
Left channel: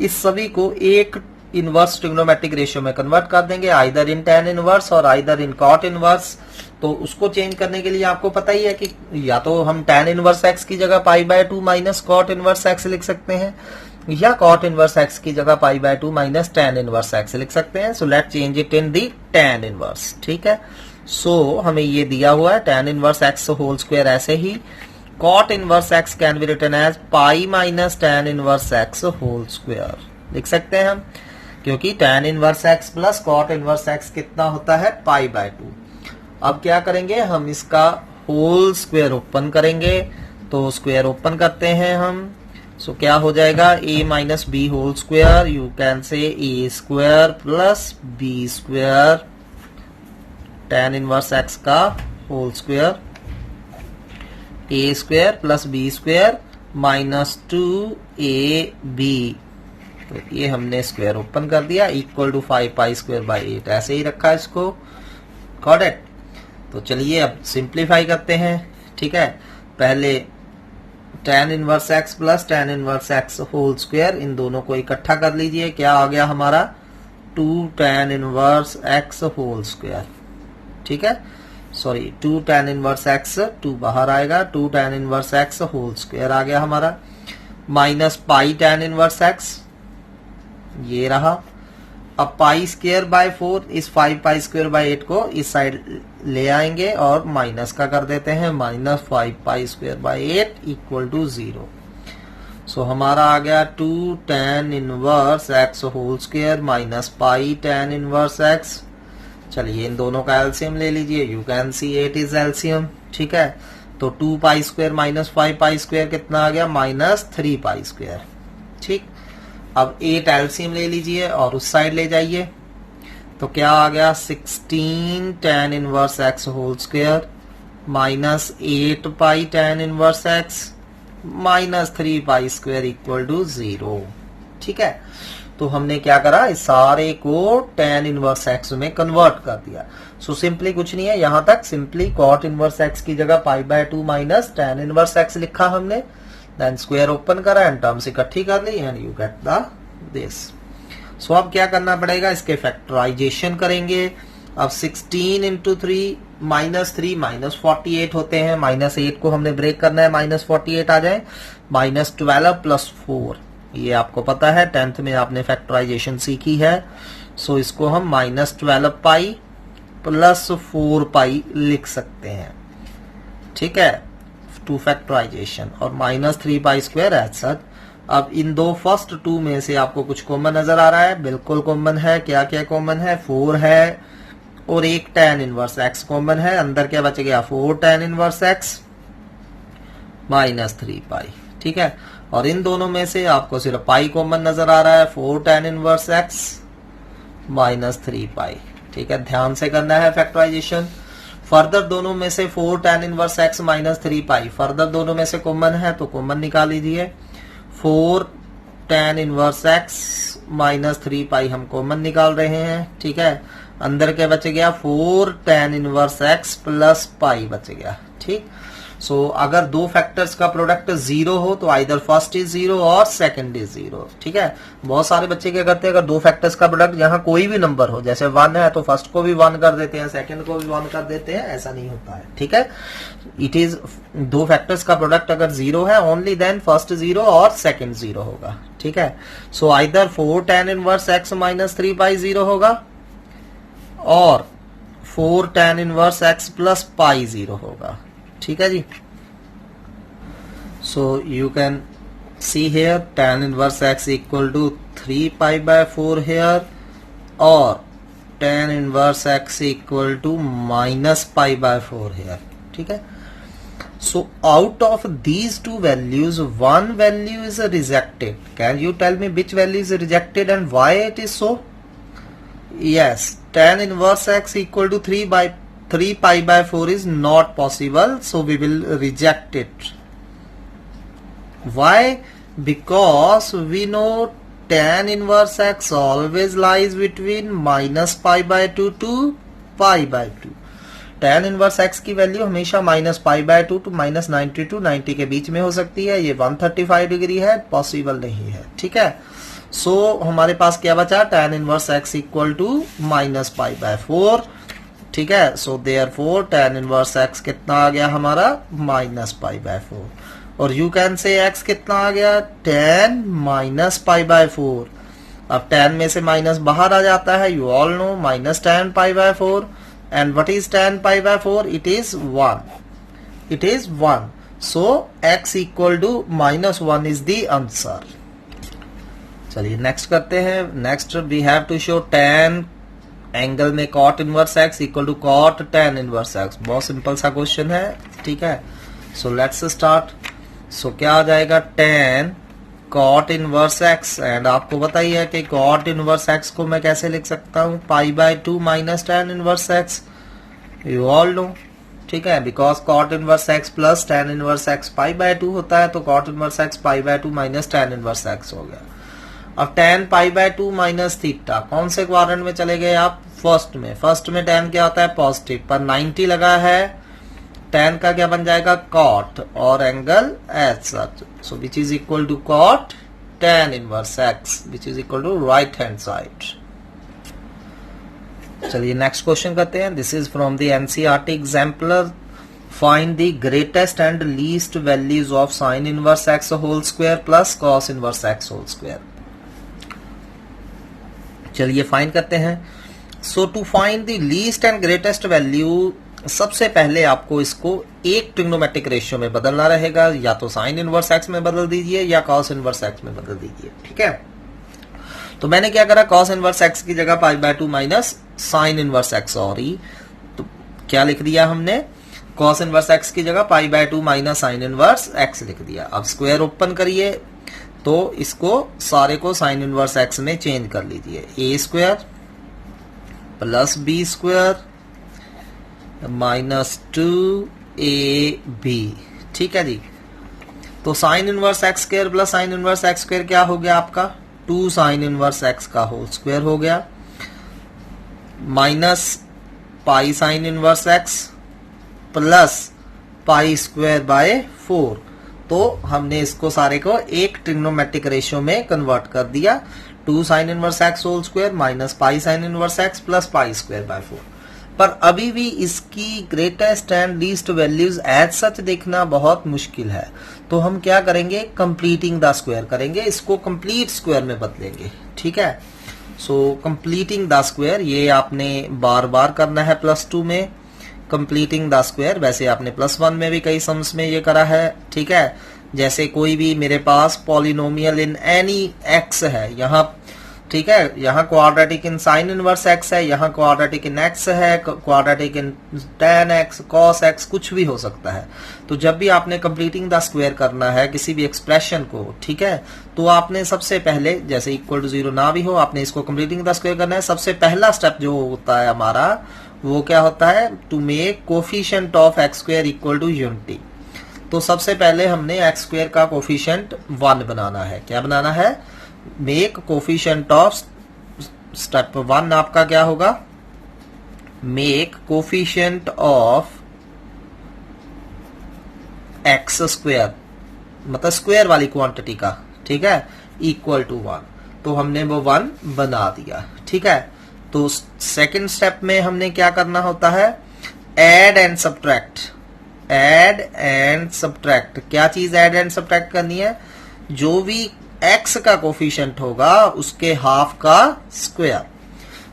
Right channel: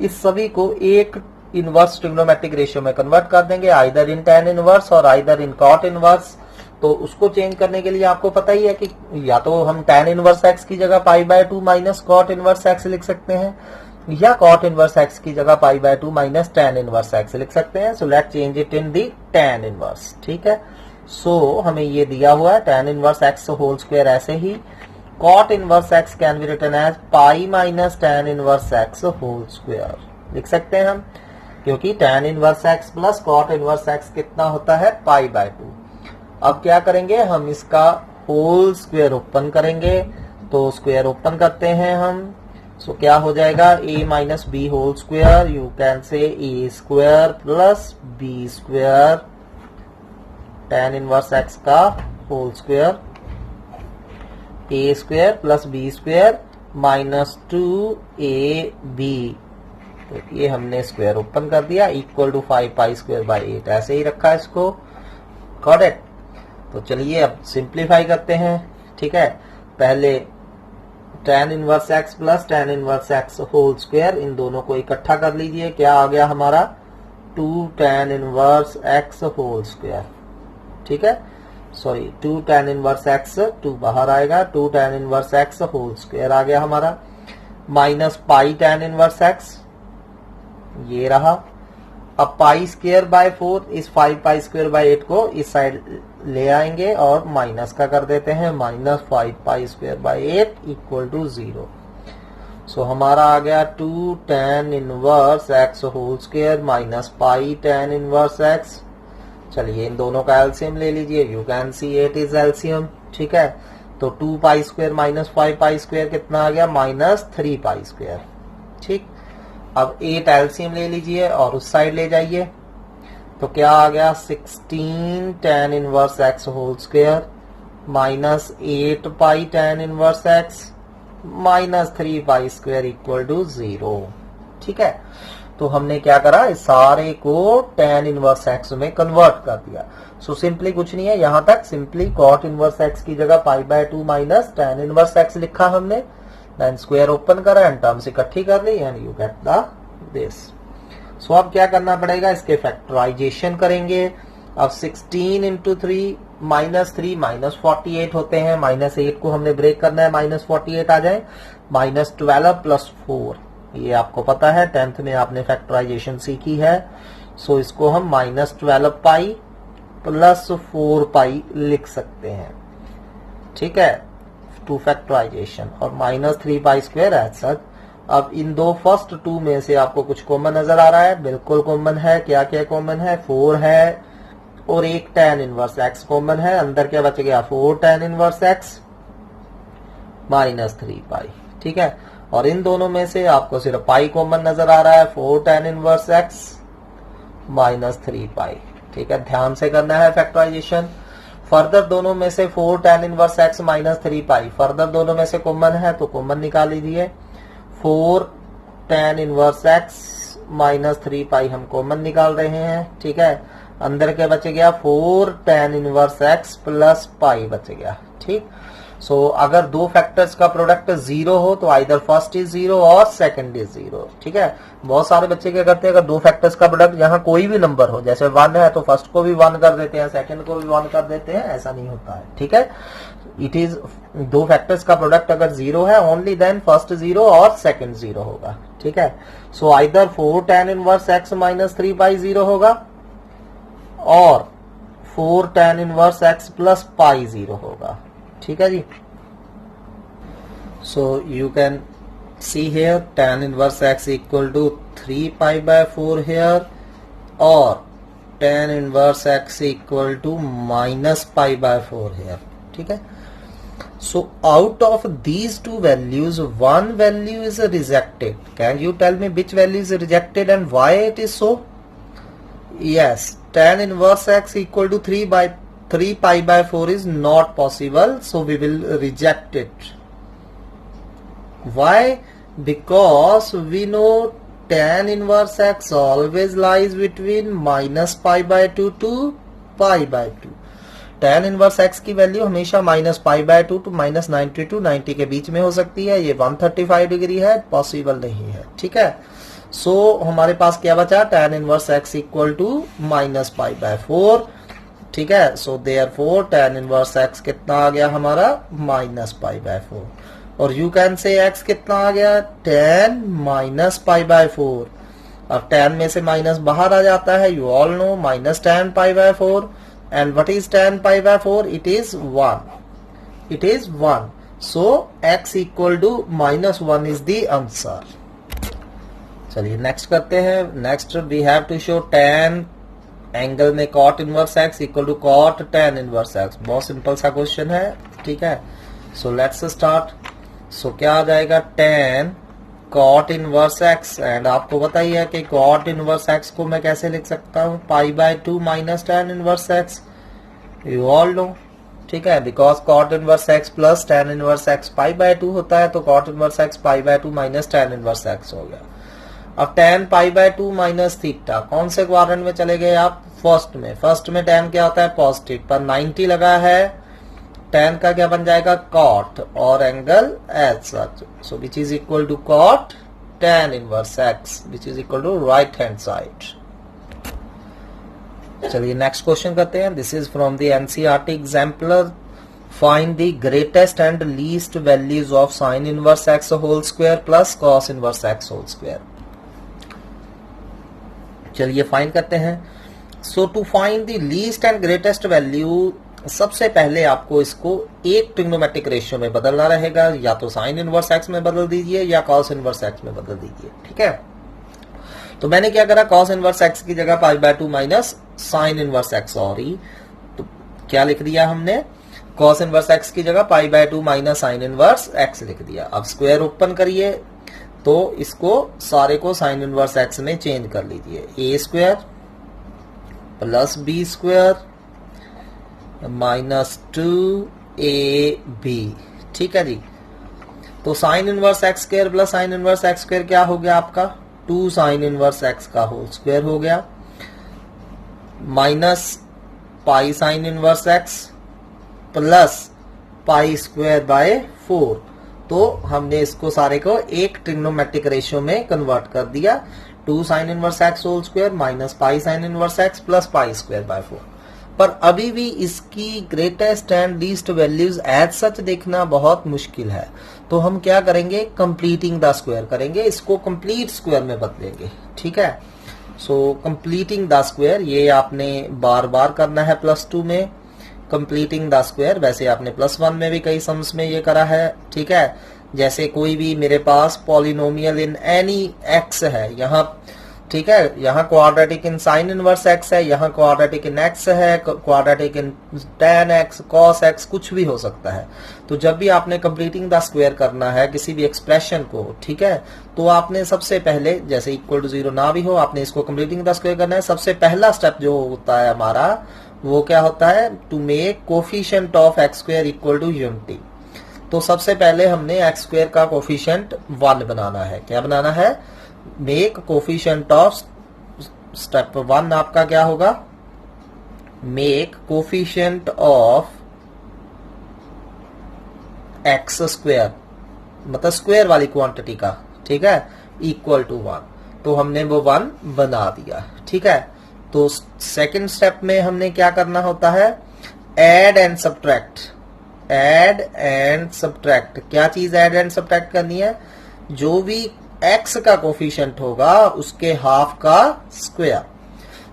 इस सभी को एक इनवर्स ट्रिग्नोमेट्रिक रेशियो में कन्वर्ट कर देंगे, आइदर इन tan इनवर्स और आइदर इन cot इनवर्स। तो उसको चेंज करने के लिए आपको पता ही है कि या तो हम tan इनवर्स x की जगह π/2 माइनस cot इनवर्स x लिख सकते हैं, या cot इनवर्स x की जगह π/2 माइनस tan इनवर्स x लिख सकते हैं। So let change it in the tan inverse. ठीक है, सो हमें ये दिया हुआ है tan inverse x whole square, ऐसे ही cot inverse x can be written as pi minus tan inverse x whole square लिख सकते हैं हम, क्योंकि tan inverse x plus cot inverse x कितना होता है π/2। अब क्या करेंगे, हम इसका होल स्क्वायर ओपन करेंगे, तो स्क्वायर ओपन करते हैं हम। सो क्या हो जाएगा, a minus b whole square, you can say a square plus B square tan inverse x का whole square, a square plus B square minus 2ab। तो ये हमने स्क्वायर ओपन कर दिया, equal to 5 pi square by 8, ऐसे ही रखा इसको। Got it. तो चलिए अब सिंप्लीफाई करते हैं। ठीक है, पहले tan inverse x plus tan inverse x whole square, इन दोनों को इकट्ठा कर लीजिए, क्या आ गया हमारा 2 tan inverse x whole square. ठीक है, सॉरी 2 tan इनवर्स x, 2 बाहर आएगा, 2 tan inverse x whole square आ गया हमारा, minus pi tan inverse x, ये रहा। अब पाई स्क्वायर बाय 4, इस 5 पाई स्क्वायर बाय 8 को इस साइड ले आएंगे और माइनस का कर देते हैं, minus 5 pi square by 8 equal to 0। So हमारा आ गया 2 tan inverse x whole square minus pi tan inverse x। चलिए इन दोनों का एलसीएम ले लीजिए, you can see 8 is LCM. ठीक है, तो 2 pi square minus 5 pi square कितना आ गया, माइनस 3 पाई स्क्वायर। ठीक, अब 8 एलसीएम ले लीजिए और उस साइड ले जाइए, तो क्या आ गया 16 tan inverse x whole square minus 8 pi tan inverse x minus 3 pi square equal to 0। ठीक है, तो हमने क्या करा, इस सारे को tan इनवर्स x में कन्वर्ट कर दिया। सो सिंपली कुछ नहीं है, यहां तक सिंपली cot इनवर्स x की जगह π/2 माइनस tan इनवर्स x लिखा हमने, देन स्क्वायर ओपन करा एंड टर्म्स इकट्ठी कर ली and you get the this. So अब क्या करना पड़ेगा, इसके फैक्टराइजेशन करेंगे। अब 16 इंटू 3 माइनस 3 माइनस 48 होते हैं, माइनस 8 को हमने ब्रेक करना है, माइनस 48 आ जाए, माइनस 12 प्लस 4, ये आपको पता है 10th में आपने फैक्टराइजेशन सीखी है। सो इसको हम माइनस 12 पाई प्लस 4 पाई लिख सकते हैं। ठीक है, टू फैक्टराइजेशन, और minus 3 pi square as such. अब इन दो फर्स्ट 2 में से आपको कुछ कॉमन नजर आ रहा है, बिल्कुल कॉमन है। क्या क्या कॉमन है, 4 है और एक tan इनवर्स x कॉमन है, अंदर क्या बच गया 4 tan इनवर्स x माइनस 3 पाई। ठीक है, और इन दोनों में से आपको सिर्फ पाई कॉमन नजर आ रहा है, 4 tan इनवर्स x माइनस 3 पाई। ठीक है, ध्यान से करना है फैक्टराइजेशन। फर्दर दोनों में से 4 tan इनवर्स x माइनस 3 पाई, फर्दर दोनों में से कॉमन है तो कॉमन निकाल लीजिए। 4 tan इनवर्स x माइनस 3 पाई हम कॉमन निकाल रहे हैं। ठीक है, अंदर क्या बच गया, 4 tan इनवर्स x प्लस पाई बच गया। ठीक, सो अगर दो फैक्टर्स का प्रोडक्ट जीरो हो तो आइदर फर्स्ट इज जीरो और सेकंड इज जीरो। ठीक है, बहुत सारे बच्चे क्या करते हैं, अगर दो फैक्टर्स का प्रोडक्ट यहाँ कोई भी नंबर हो, जैसे 1 है तो फर्स्ट को भी 1 कर देते हैं, सेकंड को भी 1 कर देते हैं, ऐसा नहीं होता है। ठीक है, इट इज दो फैक्टर्स का प्रोडक्ट अगर जीरो है ओनली देन फर्स्ट जीरो और सेकंड जीरो होगा। ठीक है, so either 4 tan inverse x minus 3 pi zero होगा और 4 tan inverse x plus pi zero होगा। ठीक है जी, so you can see here tan inverse x equal to 3 pi by 4 here और tan inverse x equal to minus pi by 4 hair. ठीक है, so out of these two values one value is rejected. Can you tell me which value is rejected and why it is so? Yes, tan inverse x equal to 3 pi by 4 is not possible, so we will reject it. Why? Because we know tan inverse x always lies between minus pi by 2 to pi by 2. tan inverse x की value हमेशा minus pi by 2 to minus 90 to 90 के बीच में हो सकती है। ये 135 degree है, possible नहीं है। ठीक है, सो हमारे पास क्या बचा, tan inverse x equal to minus pi by 4। ठीक है, so therefore tan inverse x कितना आ गया हमारा, माइनस पाई बाय 4। और यू कैन से x कितना आ गया, tan माइनस पाई बाय 4। अब tan में से माइनस बाहर आ जाता है, you all no, minus tan pi by 4। And what is tan pi by 4? It is 1. It is 1. So x equal to minus 1 is the answer. चलिए next करते हैं। Next we have to show tan angle में cot inverse x equal to cot tan inverse x। बहुत simple सा question है। ठीक है, so let's start. सो क्या आ जाएगा, tan cot inverse x, and आपको पता ही है कि cot इनवर्स x को मैं कैसे लिख सकता हूँ, पाई by 2 minus tan inverse x, you all no. ठीक है, because cot inverse x plus tan inverse x pi by 2 होता है, तो cot inverse x pi by 2 minus tan inverse x हो गया। अब tan pi by 2 minus theta, कौन से क्वाड्रेंट में चले गए आप, फर्स्ट में। फर्स्ट में tan क्या होता है, पॉजिटिव, पर 90 लगा है, tan का क्या बन जाएगा, cot, और angle as such, so which is equal to cot tan inverse x, which is equal to right hand side. चलिए नेक्स्ट क्वेश्चन करते हैं। This is from the NCERT exemplar. Find the greatest and least values of sine inverse x whole square plus cos inverse x whole square. चलिए find करते हैं। So to find the least and greatest value, सबसे पहले आपको इसको एक trigonometric ratio में बदलना रहेगा, या तो साइन इनवर्स x में बदल दीजिए या कॉस इनवर्स x में बदल दीजिए। ठीक है, तो मैंने क्या करा, कॉस इनवर्स x की जगह pi by 2 minus sine inverse x, sorry, तो क्या लिख दिया हमने, कॉस इनवर्स x की जगह pi by 2 minus sine inverse x लिख दिया। अब स्क्वायर ओपन करिए, तो इसको सारे को साइन इनवर्स x में चेंज कर लीजिए, a square plus b square minus 2ab। ठीक है जी, तो sine inverse x square plus sine inverse x square क्या हो गया आपका, 2 साइन इनवर्स x का होल स्क्वायर हो गया, minus pi sine inverse x plus pi square by 4। तो हमने इसको सारे को एक ट्रिग्नोमेट्रिक रेशियो में कन्वर्ट कर दिया, 2 sine inverse x whole square minus pi sine inverse x plus pi square by 4। पर अभी भी इसकी greatest and least values as such देखना बहुत मुश्किल है, तो हम क्या करेंगे, कंप्लीटिंग द स्क्वायर करेंगे, इसको कंप्लीट स्क्वायर में बदलेंगे। ठीक है, सो कंप्लीटिंग द स्क्वायर, ये आपने बार बार करना है +2 में, कंप्लीटिंग द स्क्वायर। वैसे आपने +1 में भी कई सम्स में ये करा है। ठीक है, जैसे कोई भी मेरे पास पॉलिनोमियल इन एनी x है, यहाँ ठीक है, यहाँ quadratic in sign inverse x है, यहाँ क्वाड्रेटिक इन एक्स है, quadratic in tan x, cos x, कुछ भी हो सकता है। तो जब भी आपने कंप्लीटिंग द स्क्वायर करना है किसी भी एक्सप्रेशन को, ठीक है, तो आपने सबसे पहले, जैसे इक्वल टू 0 ना भी हो, आपने इसको कंप्लीटिंग द स्क्वायर करना है। सबसे पहला स्टेप जो होता है हमारा, वो क्या होता है, to make coefficient of x square equal to unity. तो सबसे पहले हमने एक्स स्क्वायर का कोफिशिएंट 1 बनाना है। क्या बनाना है, मेक कोफिशिएंट ऑफ, स्टेप 1 आपका क्या होगा, make coefficient of x square, मतलब स्क्वायर वाली क्वांटिटी का, ठीक है, इक्वल टू 1। तो हमने वो 1 बना दिया, ठीक है। तो सेकंड स्टेप में हमने क्या करना होता है, add and subtract. Add and subtract, क्या चीज ऐड एंड सब्ट्रैक्ट करनी है, जो भी x का कोफिशिएंट होगा उसके हाफ का स्क्वायर,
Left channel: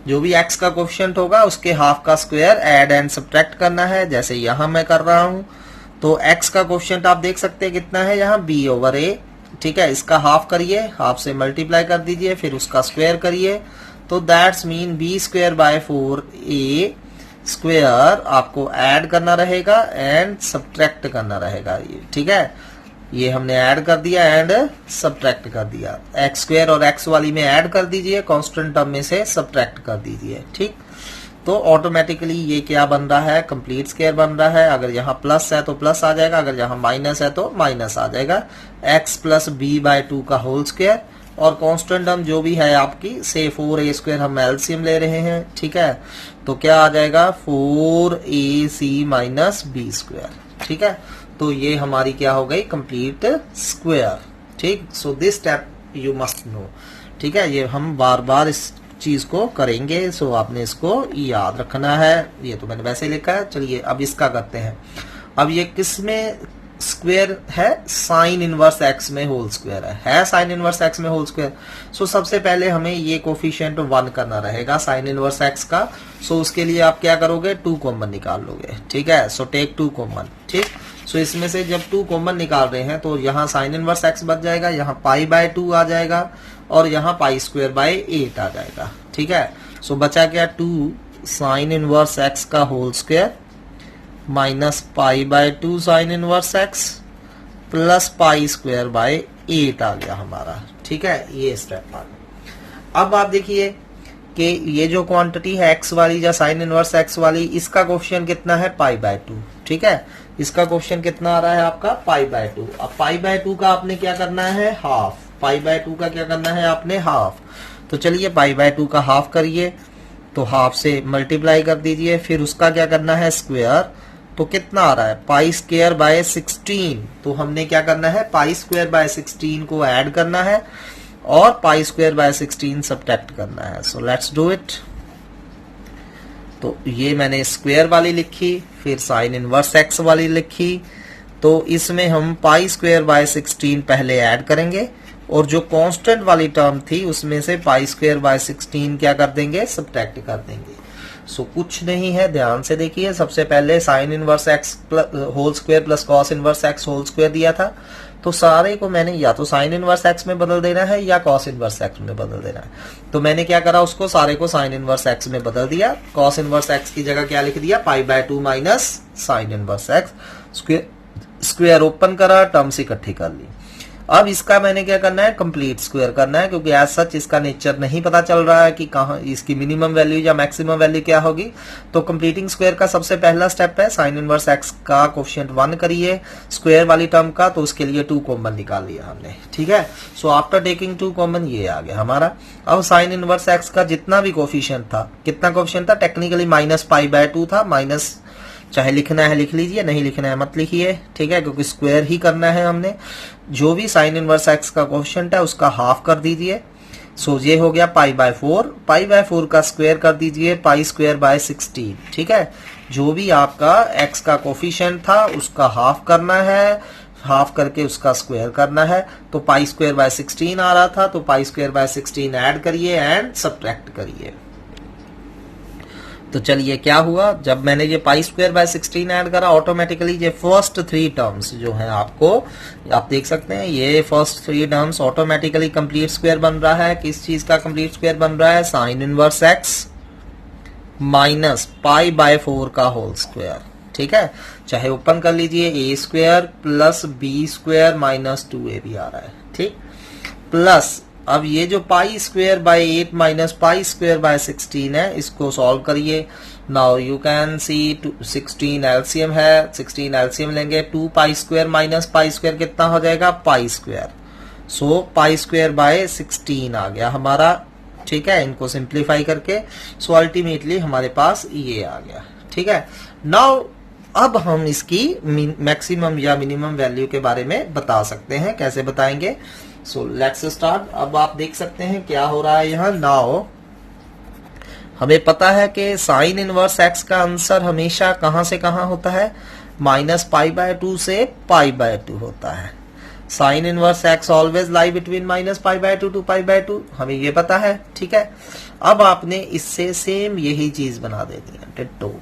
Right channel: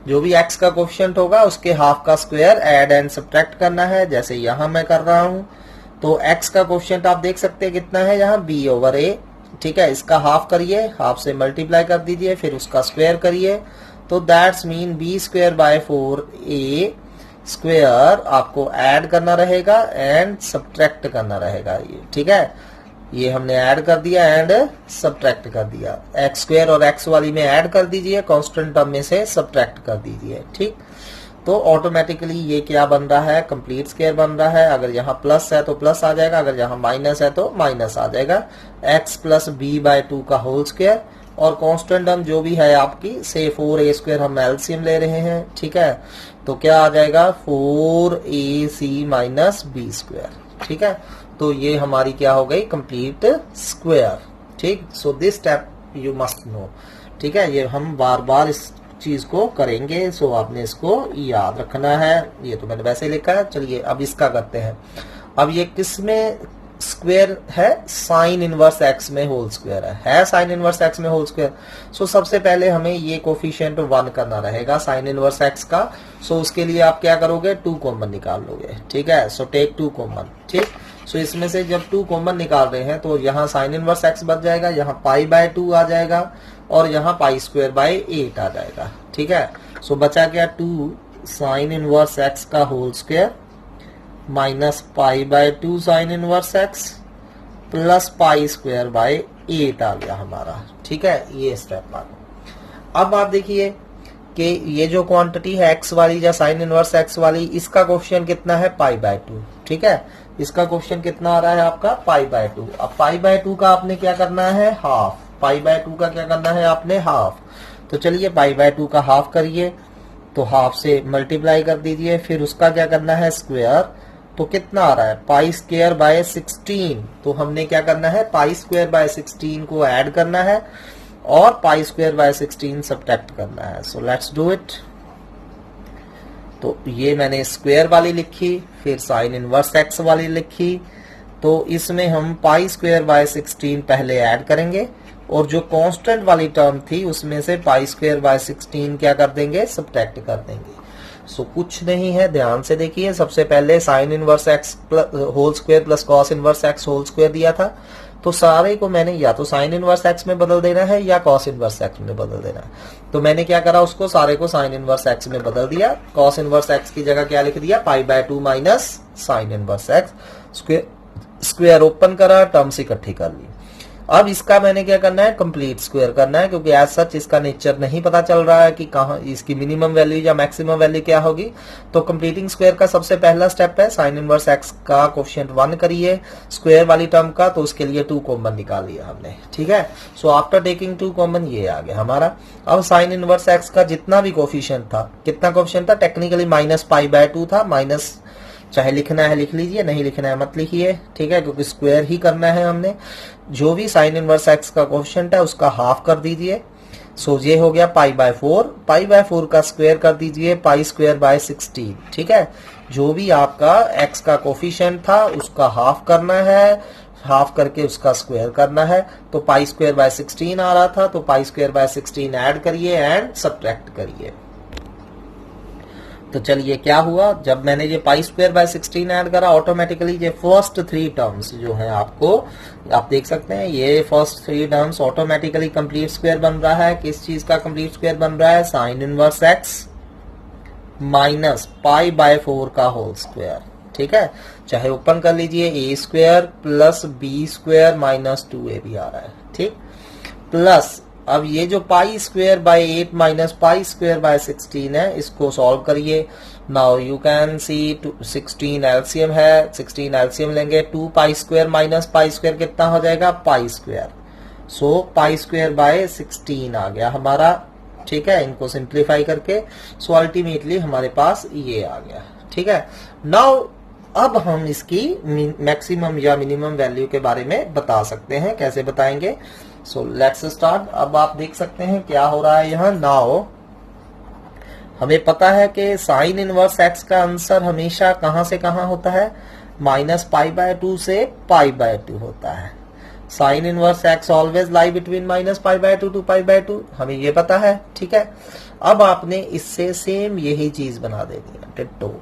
जो भी x का कोफिशिएंट होगा उसके हाफ का स्क्वायर ऐड एंड सब्ट्रैक्ट करना है। जैसे यहां मैं कर रहा हूं, तो x का कोफिशिएंट आप देख सकते हैं कितना है, यहाँ b/a, ठीक है, इसका हाफ करिए, हाफ से मल्टीप्लाई कर दीजिए, फिर उसका स्क्वायर करिए, तो दैट्स मीन b²/4a स्क्वायर आपको ऐड करना रहेगा एंड सब्ट्रैक्ट करना रहेगा, ये ठीक है। ये हमने ऐड कर दिया एंड सब्ट्रैक्ट कर दिया, एक्स स्क्वायर और एक्स वाली में ऐड कर दीजिए, कांस्टेंट टर्म में से सब्ट्रैक्ट कर दीजिए, ठीक। तो ऑटोमेटिकली ये क्या बन रहा है, कंप्लीट स्क्वायर बन रहा है। अगर यहाँ प्लस है तो प्लस आ जाएगा, अगर यहाँ माइनस है तो माइनस आ जाएगा, x + b/2 का होल स्क्वायर। और कांस्टेंट टर्म जो भी है आपकी, से 4a² हम एलसीएम ले रहे हैं, ठीक है, तो क्या आ जाएगा 4ac - b², ठीक है। तो ये हमारी क्या हो गई, कंप्लीट स्क्वायर, ठीक। So this step you must know, ठीक है, ये हम बार बार इस चीज को करेंगे, सो आपने इसको याद रखना है। ये तो मैंने वैसे लिखा है, चलिए अब इसका करते हैं। अब ये किस में स्क्वायर है, साइन इनवर्स एक्स में होल स्क्वायर है साइन इनवर्स एक्स में होल स्क्वायर। सो सबसे पहले हमें ये कोफिशिएंट 1 करना रहेगा साइन इनवर्स एक्स का। सो उसके लिए आप क्या करोगे, 2 कॉमन निकाल लोगे, ठीक है। सो टेक 2 कॉमन, ठीक। सो इसमें से जब 2 कॉमन निकाल रहे हैं तो यहाँ साइन इनवर्स एक्स बच जाएगा, यहाँ π/2 आ जाएगा और यहाँ π²/8 आ जाएगा, ठीक है। सो बचा क्या, 2 साइन इनवर्स एक्स का whole square minus π/2 sine inverse x plus π²/8 आ गया हमारा, ठीक है। ये स्टेप आ गया। अब आप देखिए कि ये जो क्वांटिटी है एक्स वाली या साइन इनवर्स एक्स वाली, इसका कोफिशिएंट कितना है, π/2, ठीक है। इसका कोफिशिएंट कितना आ रहा है आपका, π/2। अब π/2 का आपने क्या करना है, हाफ। π/2 का क्या करना है आपने, हाफ। तो चलिए π/2 का हाफ करिए, तो हाफ से मल्टीप्लाई कर दीजिए, फिर उसका क्या करना है, स्क्वायर। तो कितना आ रहा है, π²/16। तो हमने क्या करना है, π²/16 को ऐड करना है और π²/16 सब्ट्रैक्ट करना है। So let's do it. तो ये मैंने स्क्वायर वाली लिखी, फिर साइन इनवर्स एक्स वाली लिखी। तो इसमें हम π²/16 पहले ऐड करेंगे और जो कांस्टेंट वाली टर्म थी उसमें से π²/16 क्या कर देंगे, सब्ट्रैक्ट कर देंगे। सो कुछ नहीं है, ध्यान से देखिए। सबसे पहले sine inverse x whole square plus cos inverse x whole square दिया था, तो सारे को मैंने या तो साइन इनवर्स एक्स में बदल देना है या कॉस इनवर्स एक्स में बदल देना है। तो मैंने क्या करा, उसको सारे को साइन इनवर्स एक्स में बदल दिया। कॉस इनवर्स एक्स की जगह क्या लिख दिया, π/2 minus sine inverse x. Square open करा, टर्म्स इकट्ठी कर ली। अब इसका मैंने क्या करना है, कंप्लीट स्क्वायर करना है, क्योंकि एज सच इसका नेचर नहीं पता चल रहा है कि कहां इसकी मिनिमम वैल्यू या मैक्सिमम वैल्यू क्या होगी। तो कंप्लीटिंग स्क्वायर का सबसे पहला स्टेप है साइन इनवर्स एक्स का कोफिशिएंट 1 करिए स्क्वायर वाली टर्म का, तो उसके लिए 2 कॉमन निकाल लिया हमने, ठीक है। सो आफ्टर टेकिंग 2 कॉमन ये आ गया हमारा। अब साइन इनवर्स एक्स का जितना भी कोफिशिएंट था, कितना कोफिशिएंट था, टेक्निकली -π/2 था, माइनस चाहे लिखना है लिख लीजिए, नहीं लिखना है मत लिखिए, ठीक है, क्योंकि स्क्वायर ही करना है हमने। जो भी साइन इनवर्स एक्स का कोफिशिएंट है उसका हाफ कर दीजिए। सो ये हो गया π/4, π/4 का स्क्वायर कर दीजिए π²/16, ठीक है। जो भी आपका एक्स का कोफिशिएंट था उसका हाफ करना है, हाफ करके उसका स्क्वायर करना है। तो π²/16 आ रहा था, तो π²/16 ऐड करिए एंड सब्ट्रैक्ट करिए। तो चलिए क्या हुआ, जब मैंने ये पाई स्क्वायर बाय 16 ऐड करा, ऑटोमेटिकली ये फर्स्ट 3 टर्म्स जो है आपको आप देख सकते हैं, ये first 3 terms automatically complete square बन रहा है। किस चीज का कंप्लीट स्क्वायर बन रहा है? Sine inverse x minus pi by 4 का होल स्क्वायर। ठीक है, चाहे ओपन कर लीजिए, a square plus B square minus 2ab आ रहा है। ठीक, प्लस अब ये जो pi square by 8 minus pi square by 16 है, इसको सॉल्व करिए। Now you can see 16 LCM है, 16 एलसीएम लेंगे, 2 pi square minus pi square कितना हो जाएगा? Pi square. So pi square by 16 आ गया हमारा। ठीक है, इनको सिंप्लीफाई करके सो अल्टीमेटली हमारे पास ये आ गया। ठीक है, नाउ अब हम इसकी मैक्सिमम या मिनिमम वैल्यू के बारे में बता सकते हैं। कैसे बताएंगे? सो लेट्स स्टार्ट। अब आप देख सकते हैं क्या हो रहा है यहाँ। नाउ हमें पता है कि साइन इनवर्स एक्स का आंसर हमेशा कहां से कहां होता है? माइनस पाई बाय 2 से पाई बाय 2 होता है। Sine inverse x always lie between minus pi by 2 to pi by 2, हमें ये पता है। ठीक है, अब आपने इससे सेम यही चीज बना देनी है, डिट्टो।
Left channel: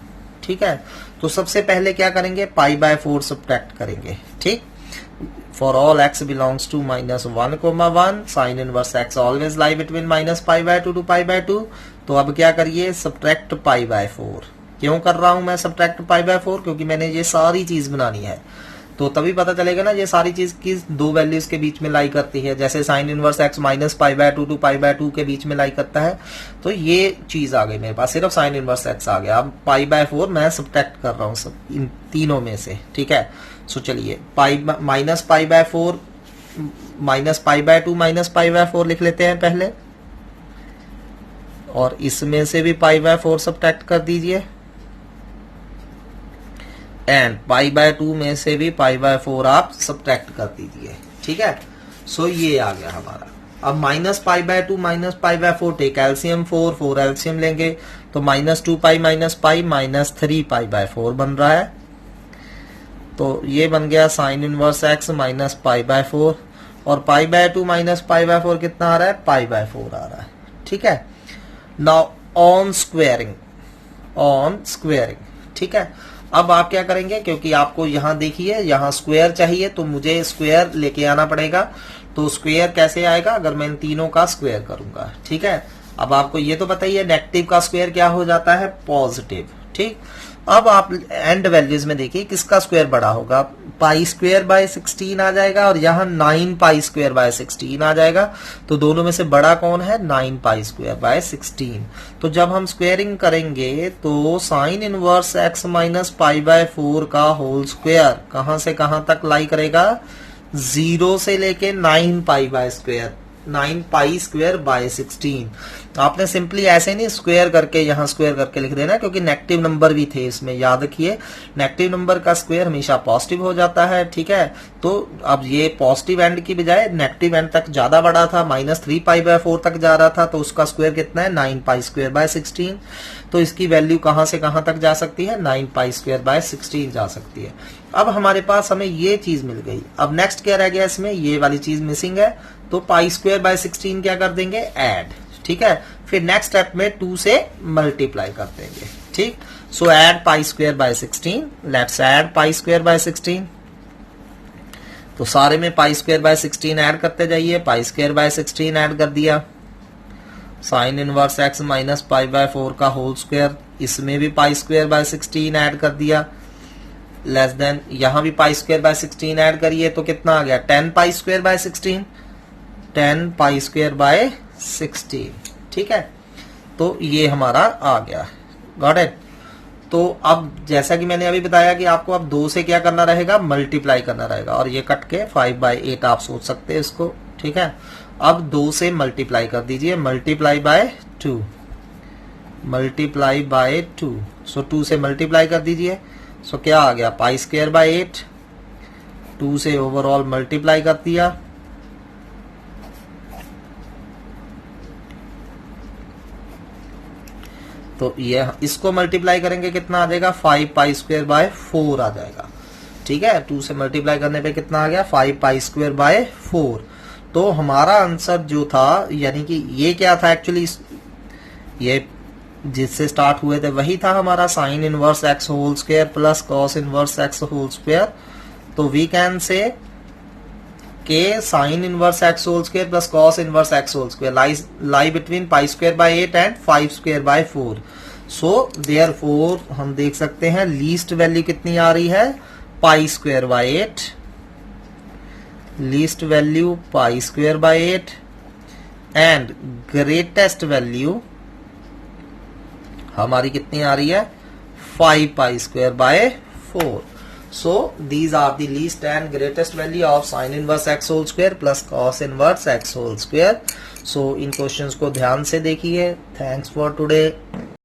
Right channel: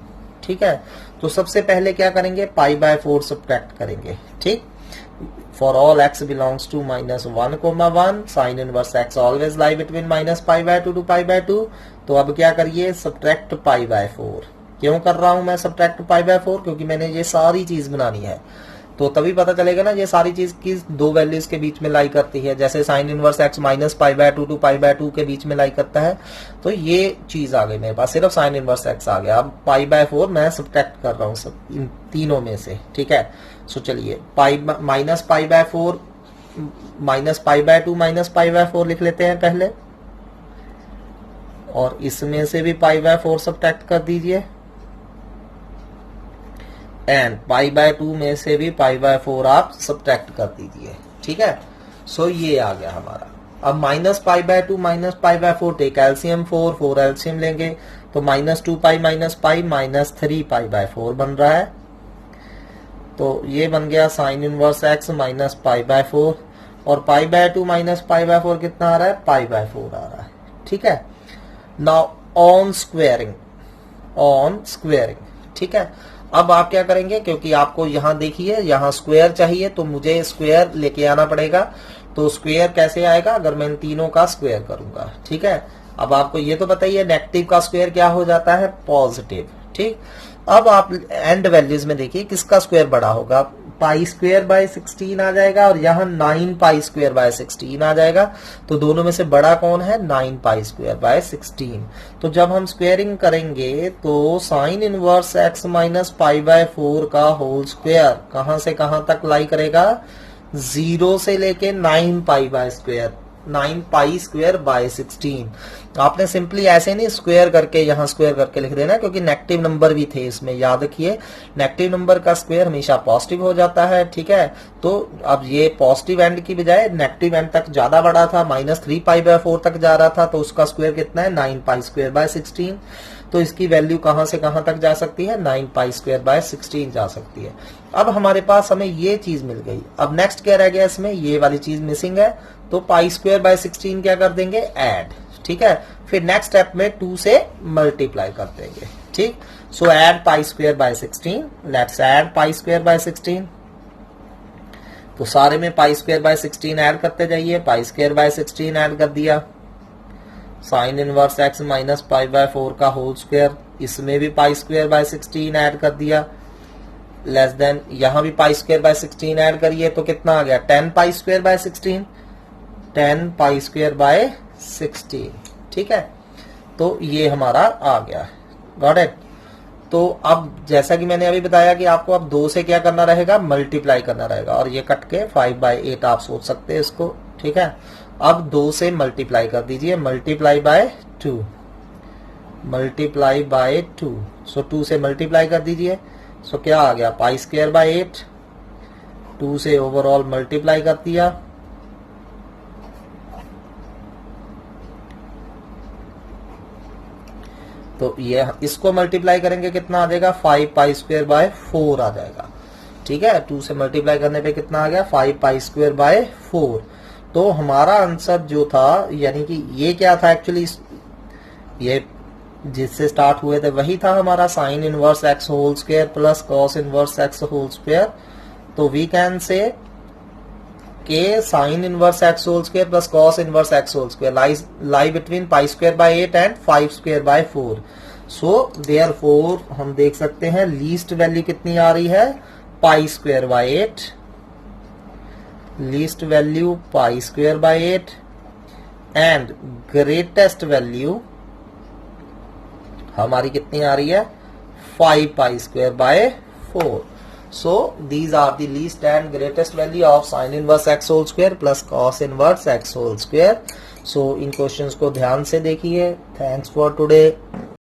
ठीक है, तो सबसे पहले क्या करेंगे? पाई बाय 4 सब्ट्रैक्ट करेंगे। ठीक, for all x belongs to minus 1,1 sine inverse x always lie between minus pi by 2 to pi by 2। तो अब क्या करिए? Subtract pi by 4। क्यों कर रहा हूं मैं सब्ट्रैक्ट पाई बाय 4? क्योंकि मैंने ये सारी चीज बनानी है, तो तभी पता चलेगा ना ये सारी चीज किस दो वैल्यूज के बीच में लाई करती है। जैसे sine inverse x minus pi by 2 to pi by 2 के बीच में लाई करता है, तो ये चीज आ गई मेरे पास, सिर्फ साइन इनवर्स एक्स आ गया। अब पाई बाय 4 मैं सब्ट्रैक्ट कर रहा हूं सब इन तीनों में से। ठीक है, सो चलिए पाई minus pi by 4 minus pi by 2 minus pi by 4 लिख लेते हैं पहले, और इसमें से भी पाई बाय 4 सब्ट्रैक्ट कर दीजिए, एंड पाई बाय 2 में से भी पाई बाय 4 आप सब्ट्रैक्ट कर दीजिए। ठीक है, सो ये आ गया हमारा। अब minus pi by 2 minus pi by 4 take LCM 4 LCM लेंगे, तो minus 2 pi minus pi minus 3 pi by 4 बन रहा है। तो ये बन गया sine inverse x minus pi by 4, और pi by 2 minus pi by 4 कितना आ रहा है? पाई बाय 4 आ रहा है। ठीक है, नाउ ऑन स्क्वेयरिंग, ठीक है, अब आप क्या करेंगे? क्योंकि आपको यहां देखिए यहां स्क्वायर चाहिए, तो मुझे स्क्वायर लेके आना पड़ेगा। तो स्क्वायर कैसे आएगा? अगर मैं इन तीनों का स्क्वायर करूंगा। ठीक है, अब आपको ये तो बताइए नेगेटिव का स्क्वायर क्या हो जाता है? पॉजिटिव। ठीक, अब आप एंड वैल्यूज में देखिए किसका स्क्वायर बड़ा होगा? पाई स्क्वायर बाय 16 आ जाएगा, और यहाँ 9 पाई स्क्वायर बाय 16 आ जाएगा। तो दोनों में से बड़ा कौन है? 9 पाई स्क्वायर बाय 16। तो जब हम स्क्वेयरिंग करेंगे तो sine inverse x minus pi by 4 का होल स्क्वायर कहां से कहां तक लाई करेगा? 0 से लेके 9 pi by square, 9 pi square by 16। आपने सिंपली ऐसे नहीं स्क्वायर करके यहां स्क्वायर करके लिख देना, क्योंकि नेगेटिव नंबर भी थे इसमें, याद रखिए नेगेटिव नंबर का स्क्वायर हमेशा पॉजिटिव हो जाता है। ठीक है, तो अब ये पॉजिटिव एंड की बजाय नेगेटिव एंड तक ज्यादा बड़ा था, माइनस 3 पाई बाय 4 तक जा रहा था, तो उसका स्क्वायर कितना है? 9 पाई स्क्वायर बाय 16। तो इसकी वैल्यू कहां से कहां तक जा सकती है? 9 पाई स्क्वायर बाय 16 जा सकती है। अब हमारे पास हमें ये चीज मिल गई। अब नेक्स्ट क्या रह गया इसमें? ये वाली चीज मिसिंग है, तो पाई स्क्वायर बाय 16 क्या कर देंगे? ऐड। ठीक है, फिर नेक्स्ट स्टेप में 2 से मल्टीप्लाई कर देंगे। ठीक, सो add pi square by 16, let's add pi square by 16। तो सारे में पाई स्क्वायर बाय 16 ऐड करते जाइए, पाई स्क्वायर बाय 16 ऐड कर दिया, sign inverse x minus pi by 4 का होल स्क्वायर, इसमें भी पाई स्क्वायर बाय 16 ऐड कर दिया, लेस देन यहां भी पाई स्क्वायर बाय 16 ऐड करिए, तो कितना आ गया? 10 पाई square by 16, 10 pi square by 16। ठीक है, तो ये हमारा आ गया। Got it? तो अब जैसा कि मैंने अभी बताया कि आपको अब 2 से क्या करना रहेगा? मल्टीप्लाई करना रहेगा, और ये कट के 5 बाय 8 आप सोच सकते हैं इसको। ठीक है, अब 2 से मल्टीप्लाई कर दीजिए, मल्टीप्लाई बाय 2, मल्टीप्लाई बाय 2। सो 2 से मल्टीप्लाई कर दीजिए, सो क्या आ गया? पाई स्क्वायर बाय 8। 2 से ओवरऑल मल्टीप्लाई कर दिया, तो ये इसको मल्टीप्लाई करेंगे कितना आ जाएगा? 5 पाई स्क्वायर बाय 4 आ जाएगा। ठीक है, 2 से मल्टीप्लाई करने पे कितना आ गया? 5 पाई स्क्वायर बाय 4। तो हमारा आंसर जो था, यानी कि ये क्या था एक्चुअली? ये जिससे स्टार्ट हुए थे वही था हमारा sine inverse x whole square plus cos inverse x whole square. तो वी कैन से के sine inverse x whole square plus cos inverse x whole square lie between pi square by 8 and 5 square by 4। So therefore हम देख सकते हैं least value कितनी आ रही है, pi square by 8, least value pi square by 8 and greatest value हमारी कितनी आ रही है, 5 pi square by 4। So these are the least and greatest value of sine inverse x whole square plus cos inverse x whole square. So इन questions को ध्यान से देखिए। Thanks for today.